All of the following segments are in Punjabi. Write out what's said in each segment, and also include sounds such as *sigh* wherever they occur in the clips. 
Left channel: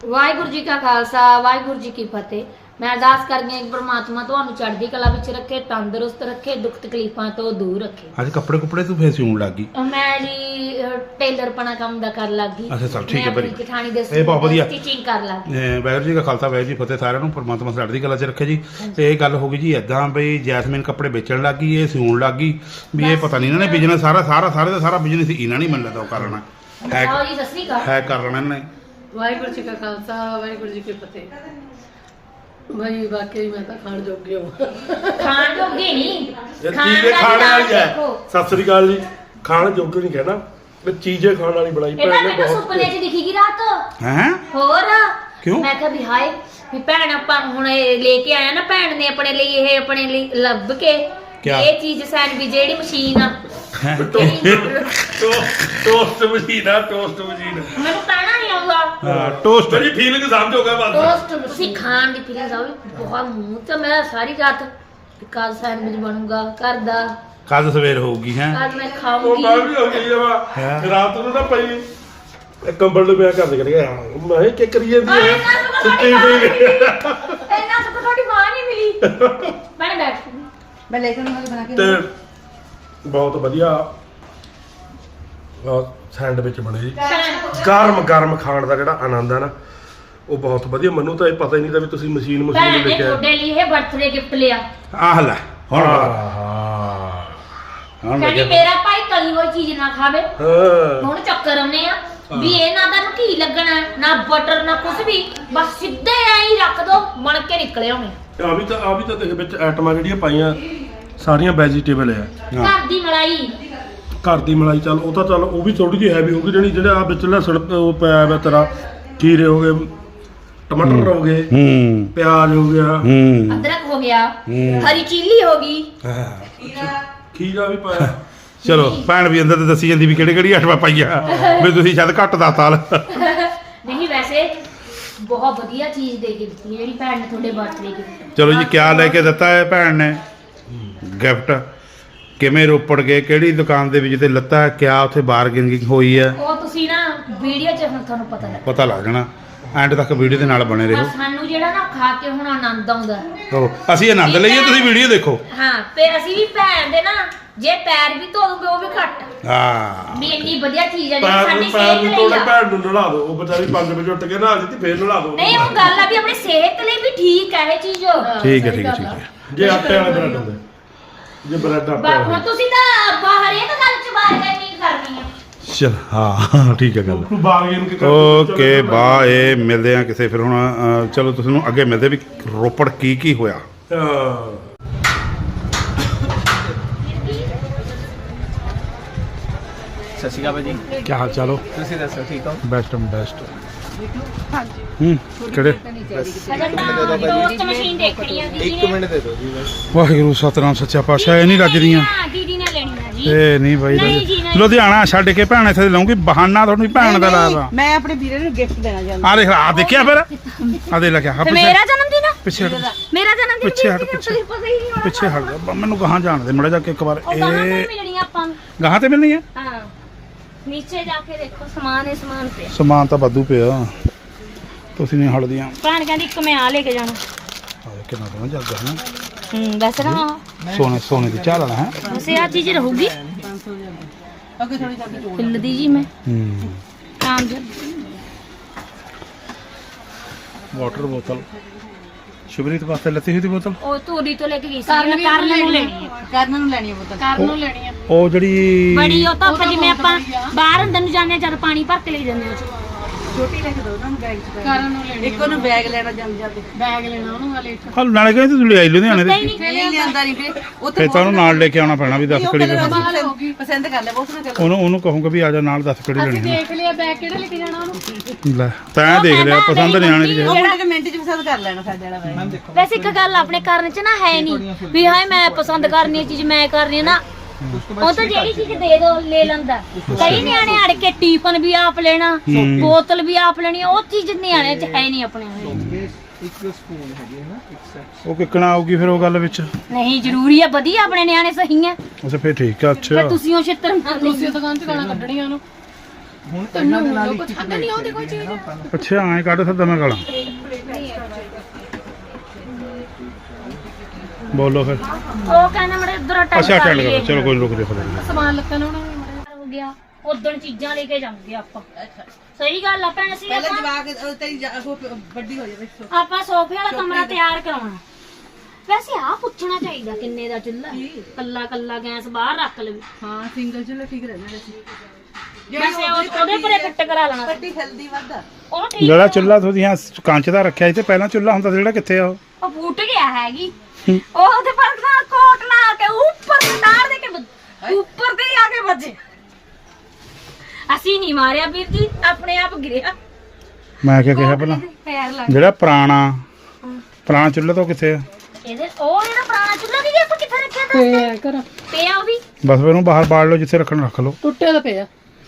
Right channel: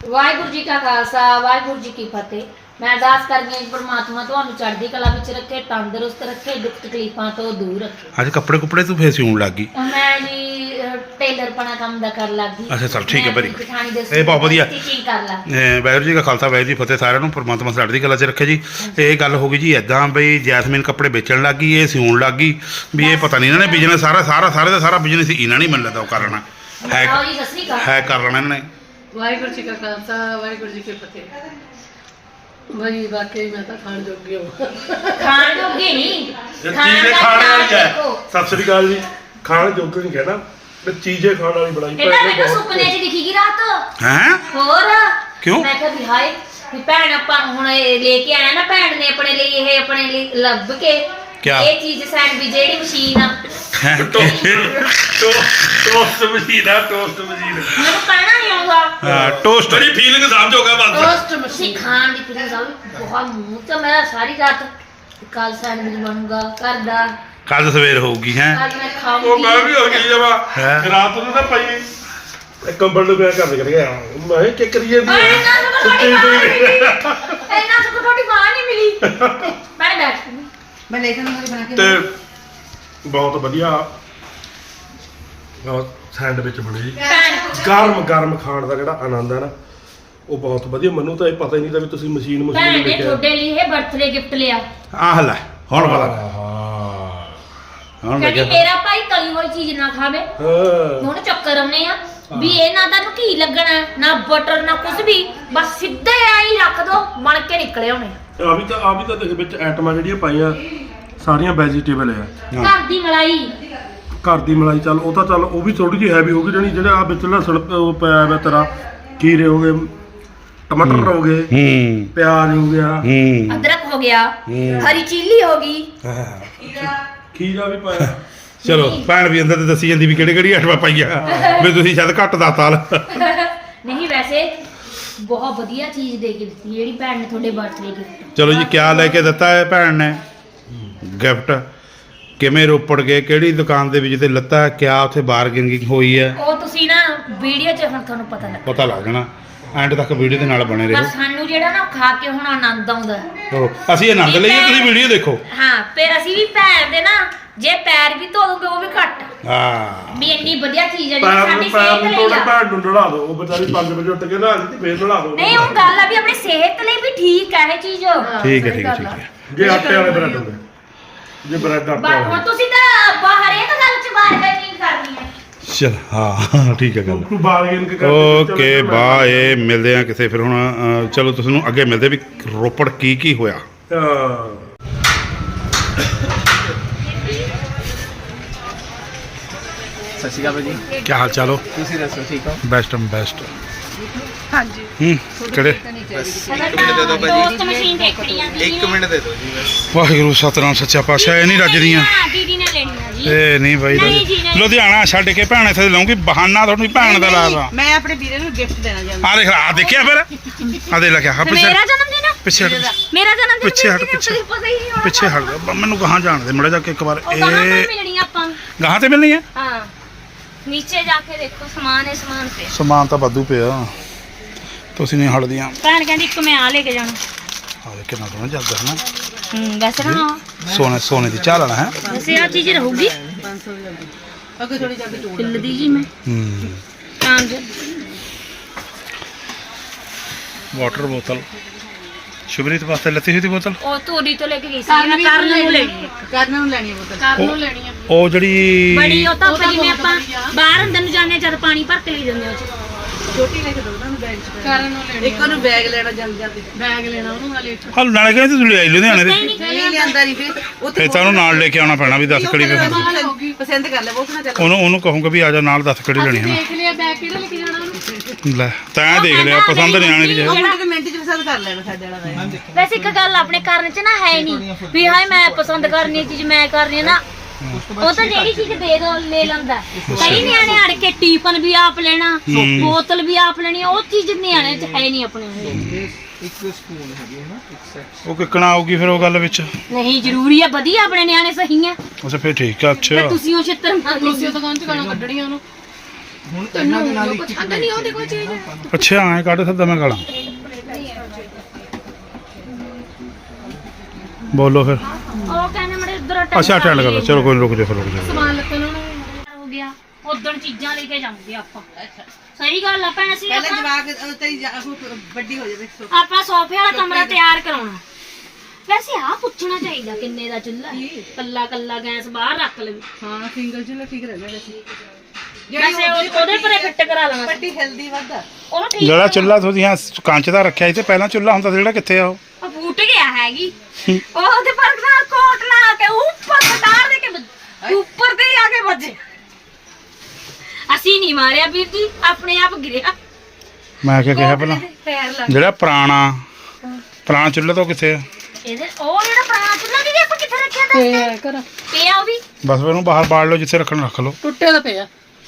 ਵਾਹਿਗੁਰੂ ਜੀ ਕਾ ਖਾਲਸਾ ਵਾਹਿਗੁਰੂ ਜੀ ਕੀ ਫਤਿਹ। ਮੈਂ ਅਰਦਾਸ ਕਰਦੀ ਹਾਂ ਕਿ ਪ੍ਰਮਾਤਮਾ ਤੁਹਾਨੂੰ ਚੜ੍ਹਦੀ ਕਲਾ ਵਿੱਚ ਰੱਖੇ ਤੰਦਰੁਸਤ ਰੱਖੇ ਦੁੱਖ ਤਕਲੀਫਾਂ ਤੋਂ ਦੂਰ ਰੱਖੇ। ਅੱਜ ਕੱਪੜੇ ਕੁਪੜੇ ਤੂੰ ਫੇਰ ਸਿਉਣ ਲੱਗ ਗਈ। ਮੈਂ ਜੀ ਟੇਲਰ ਪਣਾ ਕੰਮ ਦਾ ਕਰ ਲੱਗੀ ਅੱਛਾ, ਚੱਲ ਠੀਕ ਹੈ, ਦੇ ਇਹ ਬਹੁਤ ਵਧੀਆ। ਸਟਿਚਿੰਗ ਕਰ ਲੱਗੀ ਵਾਹਿਗੁਰੂ ਜੀ ਕਾ ਖਾਲਸਾ ਵਾਹਿਗੁਰੂ ਜੀ ਫਤਿਹ। ਸਾਰਿਆਂ ਨੂੰ ਪਰਮਾਤਮਾ ਚੜ੍ਹਦੀ ਕਲਾ 'ਚ ਰੱਖੇ ਜੀ। ਇਹ ਗੱਲ ਹੋ ਗਈ ਜੀ ਐਦਾਂ ਬਈ ਜੈਸਮੀਨ ਕੱਪੜੇ ਵੇਚਣ ਲੱਗ ਗਈ ਇਹ ਸਿਉਣ ਲੱਗ ਗਈ। ਵੀ ਇਹ ਪਤਾ ਨਹੀਂ ਇਹਨਾਂ ਨੇ ਬਿਜ਼ਨਸ ਸਾਰਾ ਸਾਰਾ ਸਾਰੇ ਦਾ ਸਾਰਾ ਬਿਜ਼ਨਸ ਇਹਨਾਂ ਨਹੀਂ ਮੰਨ ਲੈਂਦਾ ਉਹ ਕਰ ਲੈਣਾ। ਹੈ ਹੈ ਕਰ ਲੈਣਾ ਇਹਨਾਂ ਨੇ। ਵਾਹਿਗੁਰੂ ਜੀ ਕਾ ਖਾਲਸਾ ਵਾਹਿਗੁਰੂ ਜੀ ਕੀ ਫਤਿਹ। ਬਈ ਵਾਕਈ ਮੈਂ ਤਾਂ ਖਾਣ ਜੋਗੀ ਹਾਂ। ਖਾਣ ਜੋਗੇ ਨਹੀਂ। ਚੀਜ਼ੇ ਦਾ ਖਾਣ ਵਾਲੀ ਹੈ। ਸਤਿ ਸ੍ਰੀ ਅਕਾਲ ਜੀ। ਖਾਣ ਜੋਗੇ ਨਹੀਂ ਕਹਿਣਾ ਤੇ ਚੀਜ਼ੇ ਖਾਣ ਵਾਲੀ ਬਣਾਈ ਇਹ ਤਾਂ ਭੈਣ ਨੇ ਮੈਨੂੰ ਬਹੁਤ ਸੁਪਨੇ 'ਚ ਦਿਖੀ ਗਈ ਰਾਤ। ਹੈ? ਹੋਰ? ਕਿਉਂ? ਮੈਂ ਕਿਹਾ ਵੀ ਹਾਏ ਵੀ ਭੈਣ ਆਪਾਂ ਨੂੰ ਹੁਣ ਇਹ ਲੈ ਕੇ ਆਇਆ ਨਾ ਭੈਣ ਨੇ ਆਪਣੇ ਲਈ ਇਹ ਆਪਣੇ ਲਈ ਲੱਭ ਕੇ। ਕਿਆ? ਇਹ ਚੀਜ਼ ਸੈਂਡਵਿਚ ਜਿਹੜੀ ਮਸ਼ੀਨ ਆ। ਟੋਸਟ ਮਸ਼ੀਨ ਆ ਟੋਸਟ ਮਸ਼ੀਨ। ਮੈਨੂੰ ਕਹਿਣਾ ਨਹੀਂ ਆਉਂਦਾ ਟੋਸਟ ਬੜੀ ਫੀਲਿੰਗ ਸਮਝੋਗਾ ਬਸ ਟੋਸਟ ਤੁਸੀਂ ਖਾਣ ਦੀ ਫਿਲਿੰਗ ਆ ਬਹੁਤ ਮੂੰਹ ਤੇ ਮੈਂ ਸਾਰੀ ਰਾਤ ਕੱਲ ਸੈਂਡਵਿਚ ਬਣੂਗਾ ਘਰ ਦਾ। ਕੱਲ ਸਵੇਰ ਹੋਊਗੀ ਹੈ। ਮੈਂ ਉਹ ਮੈਂ ਵੀ ਹੋ ਗਈ ਜਮਾ ਹੈਂ? ਰਾਤ ਨੂੰ ਤਾਂ ਪਈ ਕੰਬਲ ਨੂੰ ਪਿਆ ਕਰ ਗਿਆ ਮੈਂ ਕੀ ਕਰੀਏ ਦੀ ਨੂੰ ਸੁੱਤੀ ਪਈ ਇੰਨਾ ਸੁੱਕ ਤੁਹਾਡੀ ਮਾਂ ਨਹੀਂ ਮਿਲੀ। ਮੈਂ ਬੈਠ ਗਈ। ਮੈਂ ਲੈ ਕੇ ਬਣਾ ਕੇ ਤੇ ਬਹੁਤ ਵਧੀਆ। ਸੈਂਡਵਿਚ ਬਣੇ ਜੀ ਗਰਮ ਗਰਮ ਖਾਣ ਦਾ ਜਿਹੜਾ ਆਨੰਦ ਹੈ ਨਾ ਉਹ ਬਹੁਤ ਵਧੀਆ। ਮੈਨੂੰ ਤਾਂ ਇਹ ਪਤਾ ਹੀ ਨਹੀਂ ਤਾਂ ਵੀ ਤੁਸੀਂ ਮਸ਼ੀਨ ਭੈਣ ਮਸ਼ੀਨ ਨੇ ਲੈ ਕੇ ਆਏ। ਤੁਹਾਡੇ ਲਈ ਇਹ ਬਰਥਡੇ ਗਿਫਟ ਲਿਆ। ਆਹ ਲੈ ਹੁਣ ਪਤਾ। ਹਾਂ ਹੁਣ ਕਹਿੰਦੀ ਲੱਗਿਆ ਮੇਰਾ ਭਾਈ ਤਲੀ ਹੋਈ ਚੀਜ਼ ਨਾ ਖਾਵੇ। ਹਾਂ। ਹੁਣ ਚੱਕਰ ਆਉਨੇ ਆ ਵੀ ਇਹ ਨਾ ਤਾਂ ਘੀ ਲੱਗਣਾ ਨਾ ਬਟਰ ਨਾ ਕੁਝ ਵੀ। ਬਸ ਸਿੱਧੇ ਐਂ ਰੱਖ ਦੋ ਮਣ ਕੇ ਨਿਕਲੇ ਹੋਣੇ ਆ। ਵੀ ਤਾਂ ਆ ਵੀ ਤਾਂ ਦੇਖ ਵਿੱਚ ਆਈਟਮਾਂ ਜਿਹੜੀਆਂ ਪਾਈਆਂ ਸਾਰੀਆਂ ਵੈਜੀਟੇਬਲ ਆ। ਹਾਂ। ਘਰ ਦੀ ਮਲਾਈ। ਘਰ ਦੀ ਮਲਾਈ ਚੱਲ ਉਹ ਤਾਂ ਚੱਲ ਉਹ ਵੀ ਥੋੜੀ ਜਿਹੀ ਹੈਵੀ ਹੋਗੀ ਜਣੀ ਜਿਹੜੇ ਆ ਵਿੱਚ ਲਸਣ ਉਹ ਪਿਆ ਵਾ ਤੇਰਾ ਖੀਰੇ ਹੋ ਗਏ ਟਮਾਟਰ ਹੋ। ਗਏ ਹੂੰ। ਪਿਆਜ਼ ਹੋ ਗਿਆ। ਹੂੰ। ਅਦਰਕ ਹੋ ਗਿਆ ਹੂੰ। ਹਰੀ ਚਿੱਲੀ ਹੋ ਗਈ। ਖੀਰਾ ਵੀ ਪਾਇਆ। ਚਲੋ ਭੈਣ ਵੀ ਅੰਦਰ ਤੇ ਦੱਸੀ ਜਾਂਦੀ ਵੀ ਕਿਹੜੇ ਕਿਹੜੀ ਆਟਵਾ ਪਾਈਆ ਵੀ ਤੁਸੀਂ ਸ਼ਾਇਦ ਘੱਟ ਦਾ ਤਾਲ ਨਹੀਂ ਵੈਸੇ ਬਹੁਤ ਵਧੀਆ ਚੀਜ਼ ਦੇ ਕੇ ਦਿੱਤੀ ਜਿਹੜੀ ਭੈਣ ਨੇ ਤੁਹਾਡੇ ਬਰਥਡੇ ਗਿਫਟ ਚਲੋ ਜੀ ਕਿਆ ਲੈ ਕੇ ਦਿੱਤਾ ਹੈ ਭੈਣ ਨੇ? ਗਿਫਟ ਕਿਵੇਂ ਰੋਪੜ ਗਏ ਕਿਹੜੀ ਦੁਕਾਨ ਦੇ ਵਿੱਚ ਤੇ ਲੱਤਾ ਕਿਆ ਉੱਥੇ ਬਾਰਗੇਨਿੰਗ ਹੋਈ ਹੈ? ਉਹ ਤੁਸੀਂ ਨਾ ਵੀਡੀਓ 'ਚ ਹੁਣ ਤੁਹਾਨੂੰ ਪਤਾ ਲੱਗ ਪਤਾ ਲੱਗ ਜਾਣਾ। ਐਂਡ ਤੱਕ ਵੀਡੀਓ ਦੇ ਨਾਲ ਬਣੇ ਪਰ ਰਹੋ ਸਾਨੂੰ ਜਿਹੜਾ ਨਾ ਖਾ ਕੇ ਹੁਣ ਆਨੰਦ ਆਉਂਦਾ। ਉਹ ਅਸੀਂ ਆਨੰਦ ਲਈਏ ਤੁਸੀਂ ਵੀਡੀਓ ਦੇਖੋ। ਹਾਂ ਫਿਰ ਅਸੀਂ ਵੀ ਭੈਣ ਦੇ ਨਾ ਜੇ ਪੈਰ ਵੀ ਧੋ ਦੂੰਗੇ ਉਹ ਵੀ ਘੱਟ। ਹਾਂ। ਵੀ ਇੰਨੀ ਵਧੀਆ ਚੀਜ਼ ਆ ਜਿਹੜੀ ਪੈਰ ਸਾਡੀ ਨੂੰ ਪੈਰ ਸਿਹਤ ਨੂੰ ਲਈ ਤੋੜੇ ਆ। ਭੈਣ ਨੂੰ ਨਲਾ ਦਿਓ ਉਹ ਵਿਚਾਰੀ 5 ਵਜੇ ਉੱਠ ਕੇ ਨਹਾ ਦਿੱਤੀ ਫੇਰ ਨਲਾ ਦਿਓ। ਨਹੀਂ ਉਹ ਗੱਲ ਆ ਵੀ ਆਪਣੀ ਸਿਹਤ ਲਈ ਵੀ ਠੀਕ ਹੈ ਇਹ ਚੀਜ਼। ਠੀਕ ਹੈ ਠੀਕ ਹੈ ਠੀਕ ਹੈ। ਜੇ ਆਟੇ ਵਾਲੇ ਬ੍ਰੈਡ ਹੋਵੇ ਜੇ ਬ੍ਰੈਡ ਆਟੇ ਬਾ- ਹੁਣ ਤੁਸੀਂ ਤਾਂ ਬਾਹਰ ਇੱਕ ਗੱਲ ਚ ਬਾਰ ਨਹੀਂ ਕਰਨੀ ਹੈ ਚਲ ਹਾਂ ਠੀਕ ਹੈ ਗੱਲ। ਬਾਰਗੇਨ ਕੇ ਓਕੇ ਬਾਏ ਮਿਲਦੇ ਆ ਕਿਸੇ ਫਿਰ ਹੁਣ ਅ, ਚਲੋ ਤੁਸੀਂ ਨੂੰ ਅੱਗੇ ਮਿਲਦੇ ਵੀ ਰੋਪੜ ਕੀ ਕੀ ਹੋਇਆ। ਹਾਂ ਸਤਿ ਸ਼੍ਰੀ ਅਕਾਲ ਜੀ। ਕੀ ਹਾਲ ਚਾਲੋ ਤੁਸੀਂ ਦੱਸੋ ਠੀਕ ਹੋ? Best and best. ਹਾਂਜੀ। ਹੂੰ ਕਿਹੜੇ? ਦੋਸਤ ਮਸ਼ੀਨ ਦੇਖ ਰਹੀ ਆਂ ਦੀਦੀ ਇੱਕ ਮਿੰਟ ਦੇ ਦਿਓ ਜੀ ਬਸ। ਵਾਹਿਗੁਰੂ ਸਤਨਾਮ ਸੱਚਾ ਪਾਤਸ਼ਾਹ ਇਹ ਨਹੀਂ ਰੱਜਦੀਆਂ ਦੀਦੀ ਨੇ ਲੈਣੀ ਆ ਜੀ। ਇਹ ਨਹੀਂ ਬਾਈ ਨਹੀਂ ਜੀ, ਨਹੀਂ। ਲੁਧਿਆਣਾ ਛੱਡ ਕੇ ਭੈਣ ਇੱਥੇ ਲਾਉਂਗੀ ਬਹਾਨਾ ਤੁਹਾਨੂੰ ਭੈਣ ਦਾ ਲਾਇਆ ਮੈਂ ਆਪਣੇ ਵੀਰੇ ਨੂੰ ਗਿਫਟ ਦੇਣਾ ਚਾਹੁੰਦੀ ਆ ਦੇਖ ਆ ਦੇਖਿਆ ਫਿਰ। ਆ। ਦੇ ਲੱਗਿਆ ਹਾਂ ਪਿੱਛੇ ਮੇਰਾ ਜਨਮ ਦਿਨ ਆ? ਪਿੱਛੇ ਹਟ ਮੇਰਾ। ਜਨਮ ਦਿਨ ਪਿੱਛੇ ਹਟ, ਪਿੱਛੇ। ਪਤਾ ਹੀ ਨਹੀਂ ਹੋਣਾ। ਪਿੱਛੇ ਹਟ ਜਾ। ਬ- ਮੈਨੂੰ ਗਾਹਾਂ ਜਾਣ ਦੇ ਮੜਾ ਜਾ ਕੇ ਇੱਕ ਵਾਰ ਇਹ ਮਿਲਣੀ ਆ ਆਪਾਂ ਨੂੰ? ਗਾਹਾਂ ਤੇ ਮਿਲਣੀ ਹੈ ਹਾਂ। ਨੀਚੇ ਜਾ ਕੇ ਦੇਖੋ ਸਮਾਨ ਹੈ ਸਮਾਨ ਤੇ ਸਮਾਨ ਤਾਂ ਵਾਧੂ ਪਿਆ। ਤੁਸੀਂ ਨਹੀਂ ਹਟਦੀਆਂ। ਭੈਣ ਕਹਿੰਦੀ ਇੱਕ ਮੈਂ ਆ ਲੈ ਕੇ ਜਾਣਾ। ਆ ਦੇਖ ਕਿੰਨਾ ਸੋਹਣਾ ਜੱਗ ਹੈ ਨਾ। ਹੂੰ ਵੈਸੇ ਨਾ ਸੋਨੇ ਸੋਨੇ ਦੀ ਚਾਹ ਲੈਣਾ ਹੈ। ਵੈਸੇ ਆ ਚੀਜ਼ ਰਹੂਗੀ। ਅੱਗੇ ਥੋੜੀ ਜਾ ਕੇ ਹਿੱਲਦੀ ਜੀ ਮੈਂ। ਹੂੰ। ਹਾਂ ਜੀ। ਵਾਟਰ ਬੋਤਲ। ਸ਼ੁਭਰੀਤ ਵਾਸਤੇ ਲੱਤੀ ਹੋਈ ਦੀ ਬੋਤਲ? ਉਹ ਤੋਰੀ ਤੋਂ ਲੈ ਕੇ ਗਈ ਸੀ ਕਰਨ ਵੀ ਕਰਨ ਨੂੰ ਲੈਣੀ ਕਰਨ ਨੂੰ ਲੈਣੀ ਹੈ ਬੋਤਲ। ਕਰਨ ਨੂੰ ਲੈਣੀ ਆ। ਉਹ ਜਿਹੜੀ ਬੜੀ ਉਹ ਤਾਂ ਜਿਵੇਂ ਆਪਾਂ। ਬਾਹਰ ਅੰਦਰ ਨੂੰ ਜਾਂਦੇ ਆ ਜਦ ਪਾਣੀ ਭਰ ਕੇ ਲੈ ਜਾਂਦੇ ਆ ਉਹ 'ਚ। ਛੋਟੀ ਲੈ ਕੇ ਦੋ ਉਹਨਾਂ ਨੂੰ ਬੈਗ ਚ ਕਰਨ ਨੂੰ ਲੈਣੀ ਇੱਕ ਉਹਨੂੰ ਬੈਗ ਲੈਣਾ ਜਲਦੀ ਜਲਦੀ ਬੈਗ ਲੈਣਾ ਉਹਨੂੰ ਵਾਲੇ ਹਲ ਨਾਲੇ ਕਹਿੰਦੇ ਤੁਸੀਂ ਲਿਆਈ ਲੁਧਿਆਣੇ ਦੇ? ਨਹੀਂ ਨਹੀਂ ਲਿਆਂਦਾ। ਨਹੀਂ ਫੇਰ। ਉੱਥੇ ਫੇ ਤੁਹਾਨੂੰ ਨਾਲ ਲੈ ਕੇ ਆਉਣਾ ਪੈਣਾ ਵੀ 10 ਕੜੀ ਪਸੰਦ ਪਸੰਦ ਪਸੰਦ ਕਰ ਲੈ ਬਹੁਤ ਨਾ ਚੱਲ। ਉਹਨੂੰ ਉਹਨੂੰ ਕਹੂੰਗਾ ਵੀ ਆ ਜਾ ਨਾਲ 10 ਕੜੀ ਲੈਣੀ ਹੈ ਦੇਖ ਲਿਆ ਬੈਗ ਕਿਹੜਾ ਲੈ ਕੇ ਜਾਣਾ ਉਹਨੂੰ? ਲੈ ਤੈਂ ਦੇਖ ਲਿਆ ਪਸੰਦ ਨਹੀਂ ਆਣੇ ਦੀ ਉਹ ਜੇ ਮੁੰਡੇ ਦੇ ਮਿੰਟ ਚ ਪਸੰਦ ਕਰ ਲੈਣਾ ਸਾਡੇ ਵਾਲਾ ਬੈਗ ਵੈਸੇ ਇੱਕ ਗੱਲ ਆਪਣੇ ਕਰਨ 'ਚ ਨਾ ਹੈ ਨਹੀਂ ਵੀ ਹਾਏ ਮੈਂ ਪਸੰਦ ਕਰਨੀ ਇਹ ਚੀਜ਼ ਮੈਂ ਕਰਨੀ ਹੈ ਨਾ। ਉਹ ਤਾਂ ਜਿਹੜੀ ਚੀਜ਼ ਦੇ ਦੋ ਲੈ ਲੈਂਦਾ। ਕਈ ਨਿਆਣੇ ਅੜ ਕੇ ਟੀਪਨ ਵੀ ਆਪ ਲੈਣਾ ਬੋਤਲ ਵੀ ਆਪ ਲੈਣੀ ਉਹ ਚੀਜ਼ ਨਿਆਣੇ 'ਚ ਹੈ ਨਹੀਂ ਆਪਣੇ ਕੋਲ। ਇੱਕ ਸਪੂਨ ਹੈਗੀ ਹੈ ਨਾ ਇੱਕ ਸੈਟ ਉਹ ਕਿੱਕਣਾ ਆਊਗੀ ਫਿਰ ਉਹ ਗੱਲ ਵਿੱਚ? ਨਹੀਂ ਜ਼ਰੂਰੀ ਆ ਵਧੀਆ ਆਪਣੇ ਨਿਆਣੇ ਸਹੀ ਆ ਅੱਛਾ ਫੇਰ ਠੀਕ ਆ ਪਰ ਅੱਛਾ ਤੁਸੀਂ ਉਹ ਛਿੱਤਰ ਮਾਰ ਤੁਸੀਂ ਉਹ ਦੁਕਾਨ ਚ ਗਾਲਾਂ ਕੱਢਣੀਆਂ ਉਹਨੂੰ। ਹੁਣ ਇਹਨਾਂ ਦੇ ਨਾਲ ਇੱਕ ਇੱਕ ਨਹੀਂ ਆਉਂਦੀ ਕੋਈ ਚੀਜ਼। ਅੱਛਾ ਐਂ ਕੱਢ ਸਕਦਾ ਮੈਂ ਗਾਲਾਂ। ਬੋਲੋ ਫਿਰ। ਉਹ ਕਹਿੰਦੇ ਮੜੇ ਉਧਰ ਅੱਛਾ ਅਟੈਂਡ ਕਰੋ ਚਲੋ ਕੋਈ ਰੁਕ ਫਿਰ ਜਾਓ। ਸਮਾਨ ਲੱਤਾਂ ਨੂੰ ਹੋ ਗਿਆ। ਉਦੋਂ ਚੀਜ਼ਾਂ ਲੈ ਕੇ ਜਾਵਾਂਗੇ ਆਪਾਂ। ਸਹੀ ਗੱਲ ਆ ਭੈਣ ਅਸੀਂ ਪਹਿਲਾਂ ਆਪਾਂ ਜਵਾਕ ਤੇਰੀ ਜਾ- ਉਹ ਵੱਡੀ ਹੋ ਜਾਵੇ ਆਪਣਾ ਸੋਫੇ ਵਾਲਾ ਕਮਰਾ ਤਿਆਰ ਕਰਾਉਣਾ। ਵੈਸੇ ਆ ਪੁੱਛਣਾ ਚਾਹੀਦਾ ਕਿੰਨੇ ਦਾ ਚੁੱਲ੍ਹਾ ਕੱਲਾ ਕੱਲਾ ਗੈਸ ਬਾਹਰ ਰੱਖ ਲਵੇ। ਹਾਂ ਸਿੰਗਲ ਚੁੱਲ੍ਹਾ ਠੀਕ ਰਹਿੰਦਾ ਵੈਸੇ ਵੈਸੇ ਉਹ- ਉਹਦੇ ਪਰੇ ਫਿੱਟ ਕਰਾ ਲੈਣਾ ਵੱਡੀ ਹੈਲਦੀ ਵੱਧਦਾ ਉਹ ਠੀਕ ਜਿਹੜਾ ਚੁੱਲ੍ਹਾ ਤੁਸੀਂ ਹਾਂ ਕੰਚ ਦਾ ਰੱਖਿਆ ਸੀ ਤੇ ਪਹਿਲਾਂ ਚੁੱਲ੍ਹਾ ਹੁੰਦਾ ਸੀ ਜਿਹੜਾ ਕਿੱਥੇ ਆ ਉਹ? ਉਹ ਫੁੱਟ ਗਿਆ ਹੈਗੀ। ਉਹ ਉਹਦੇ ਪਰ ਨਾ ਕੋਟ ਨਾ ਆ ਕੇ ਉੱਪਰ ਸਟਾਰ ਦੇ ਕੇ ਵੱਜ- ਉੱਪਰ ਤੇ ਹੀ ਆ ਕੇ ਵੱਜੇ। ਅਸੀਂ ਨਹੀਂ ਮਾਰਿਆ ਵੀਰ ਜੀ ਆਪਣੇ ਆਪ ਗਿਰਿਆ। ਮੈਂ ਕਿਹਾ ਕਿਹਾ ਪਹਿਲਾਂ ਪੈਰ ਲੱਗ ਜਿਹੜਾ ਪੁਰਾਣਾ ਪੁਰਾਣਾ ਚੁੱਲ੍ਹਾ ਤਾਂ ਉਹ ਕਿੱਥੇ ਆ? ਇਹਦੇ ਉਹ ਜਿਹੜਾ ਪੁਰਾਣਾ ਚੁੱਲ੍ਹਾ ਨਹੀਂ ਆਪਾਂ ਕਿੱਥੇ ਰੱਖਿਆ ਤਾ ਤੇ ਕਰ। ਪਿਆ ਉਹ ਵੀ। ਬਸ ਫਿਰ ਉਹਨੂੰ ਬਾਹਰ ਬਾੜ ਲਓ ਜਿੱਥੇ ਰੱਖਣ ਰੱਖ ਲਓ। ਟੁੱਟਿਆ ਤਾਂ ਪਿਆ।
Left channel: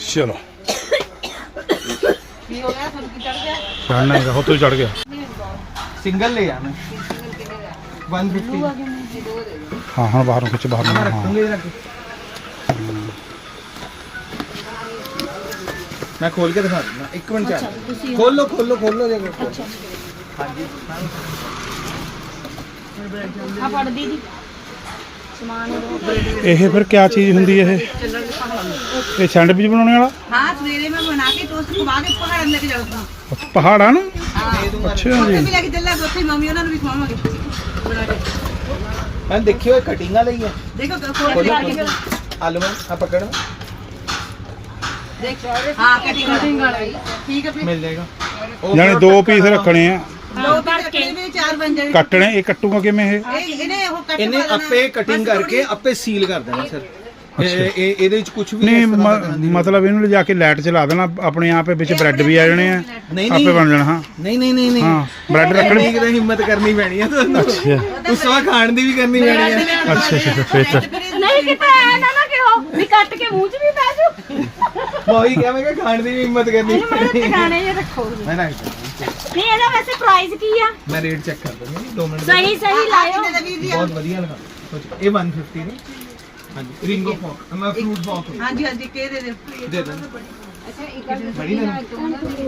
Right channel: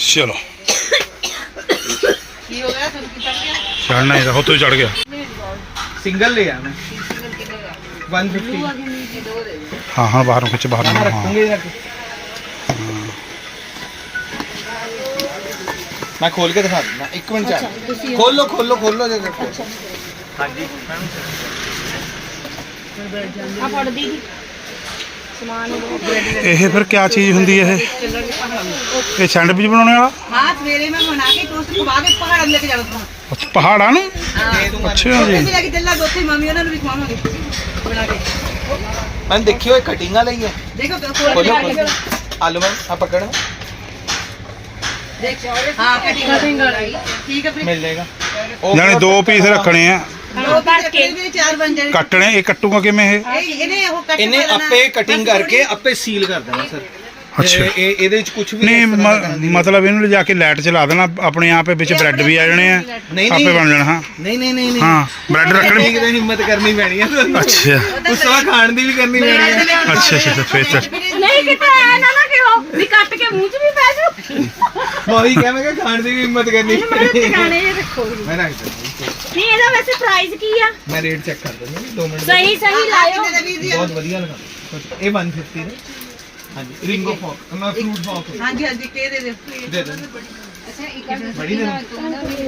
चलो ਕੀ ਹੋ ਗਿਆ ਤੁਹਾਨੂੰ ਕੀ ਚੜ ਗਿਆ चढ़ना ही था हो तो चढ़ गया ਸਿੰਗਲ ਲੈ ਆਣਾ 150 हाँ हाँ बाहर खिंच बाहर ਮੈਂ हाँ ਰੱਖੂੰਗੇ ਜਾ ਕੇ ਮੈਂ ਖੋਲ ਕੇ ਦਿਖਾ ਦਿੰਦਾ ਇੱਕ ਮਿੰਟ ਚੱਲ ਖੋਲੋ ਖੋਲੋ ਖੋਲੋ ਜਗ੍ਹਾ ਹਾਂਜੀ ਆ ਫੜ ਦੀ ਇਹ ਫਿਰ ਕੀ ਚੀਜ਼ ਹੁੰਦੀ ਹੈ ਇਹ? ਇਹ ਸੈਂਡਵਿਚ ਬਣਾਉਣੇ ਵਾਲਾ? ਹਾਂ ਸਵੇਰੇ ਮੈਂ ਬਣਾ ਕੇ ਟੋਸਟ ਖਵਾ ਕੇ ਪਹਾੜਾਂ ਨੂੰ ਲੈ ਕੇ ਜਾਊਂਗਾ ਅੱਛਾ, ਪਹਾੜਾਂ ਨੂੰ? ਅੱਛਾ ਜੀ। ਕੇ ਚੱਲਾਂਗੇ ਉੱਥੇ ਮੰਮੀ ਉਹਨਾਂ ਨੂੰ ਵੀ ਖਵਾਵਾਂਗੇ। ਬਣਾ ਕੇ। ਮੈਂ ਦੇਖਿਓ ਇਹ ਕਟਿੰਗਾਂ ਲਈ ਹੈ। ਦੇਖੋ ਖੋਲ ਖੋਲੋ ਕੇ ਖੋਲੋ। ਆਲੂ ਮੈਂ ਆ ਪਕੜ। ਦੇਖ ਹਾਂ ਕਟਿੰਗ। ਕਟਿੰਗ ਵਾਲੀ ਠੀਕ ਹੈ ਫਿਰ। ਮਿਲ ਜਾਏਗਾ। ਉਹ ਜਾਣੇ ਦੋ ਪੀਸ ਰੱਖਣੇ ਆ। ਵੀ ਚਾਰ ਬਣ ਜਾਣੇ ਕੱਟਣੇ ਇਹ ਕੱਟੂਗਾ ਕਿਵੇਂ ਇਹ? ਇਹ ਇਹਨੇ ਉਹ ਕੱਟ ਇਹਨੇ ਲੈਣਾ। ਆਪੇ ਕਟਿੰਗ ਬਸ ਕਰਕੇ ਆਪੇ ਸੀਲ ਕਰ ਦੇਣਾ ਸਰ। ਅੱਛਾ। ਇਹ ਇਹ- ਇਹਦੇ ਵਿੱਚ ਕੁਝ ਵੀ ਨਹੀਂ ਇਸ ਤਰ੍ਹਾਂ ਦਾ ਮ- ਨਹੀਂ। ਮਤਲਬ ਇਹਨੂੰ ਲਿਜਾ ਕੇ ਲਾਈਟ ਚਲਾ ਦੇਣਾ ਆਪਣੇ ਆਪ ਇਹ ਵਿੱਚ ਬ੍ਰੈਡ ਵੀ ਆ ਜਾਣੇ ਆ। ਨਹੀਂ, ਆਪੇ। ਬਣ ਜਾਣਾ ਹਾਂ। ਨਹੀਂ ਨਹੀਂ ਨਹੀਂ ਨਹੀਂ। ਹਾਂ ਬ੍ਰੈਡ ਰੱਖਣੀ। ਦੀ ਹਿੰਮਤ ਕਰਨੀ ਪੈਣੀ ਹੈ ਤੁਹਾਨੂੰ। ਅੱਛਾ। ਉਸ ਤੋਂ ਖਾਣ ਦੀ ਵੀ ਕਰਨੀ ਪੈਣੀ ਹੈ ਅੱਛਾ ਅੱਛਾ ਫੇਰ ਤਾਂ। ਨਹੀਂ ਕਿਤੇ ਐ ਨਾ ਨਾ ਕਿਹੋ ਵੀ ਕੱਟ ਕੇ ਮੂੰਹ 'ਚ ਵੀ ਪੈ ਜਾਊ। ਮੈਂ ਕਿ ਖਾਣ ਦੀ ਵੀ ਹਿੰਮਤ ਕਰਨੀ ਪੈਣੀ ਹੈ ਮੈਂ ਰੱਖ ਦਿੰਦਾ। ਨਹੀਂ ਇਹਦਾ ਵੈਸੇ ਪ੍ਰਾਈਸ ਕੀ ਆ? ਮੈਂ ਰੇਟ ਚੈੱਕ ਕਰ ਦਿੰਦਾ 2 ਮਿੰਟ ਸਹੀ ਸਹੀ ਲਾਇਓ। ਬਹੁਤ ਵਧੀਆ ਲਗਾ। ਇਹ 150 ਨੇ। ਹਾਂਜੀ ਰਿੰਗੋ ਫੋਕ ਮੈਂ ਫਰੂਟ ਫੋਕ ਹਾਂਜੀ ਹਾਂਜੀ ਕੇ ਦੇ? ਦੇ ਦੇ ਦੇ। ਬੜੀ ਦੇ 150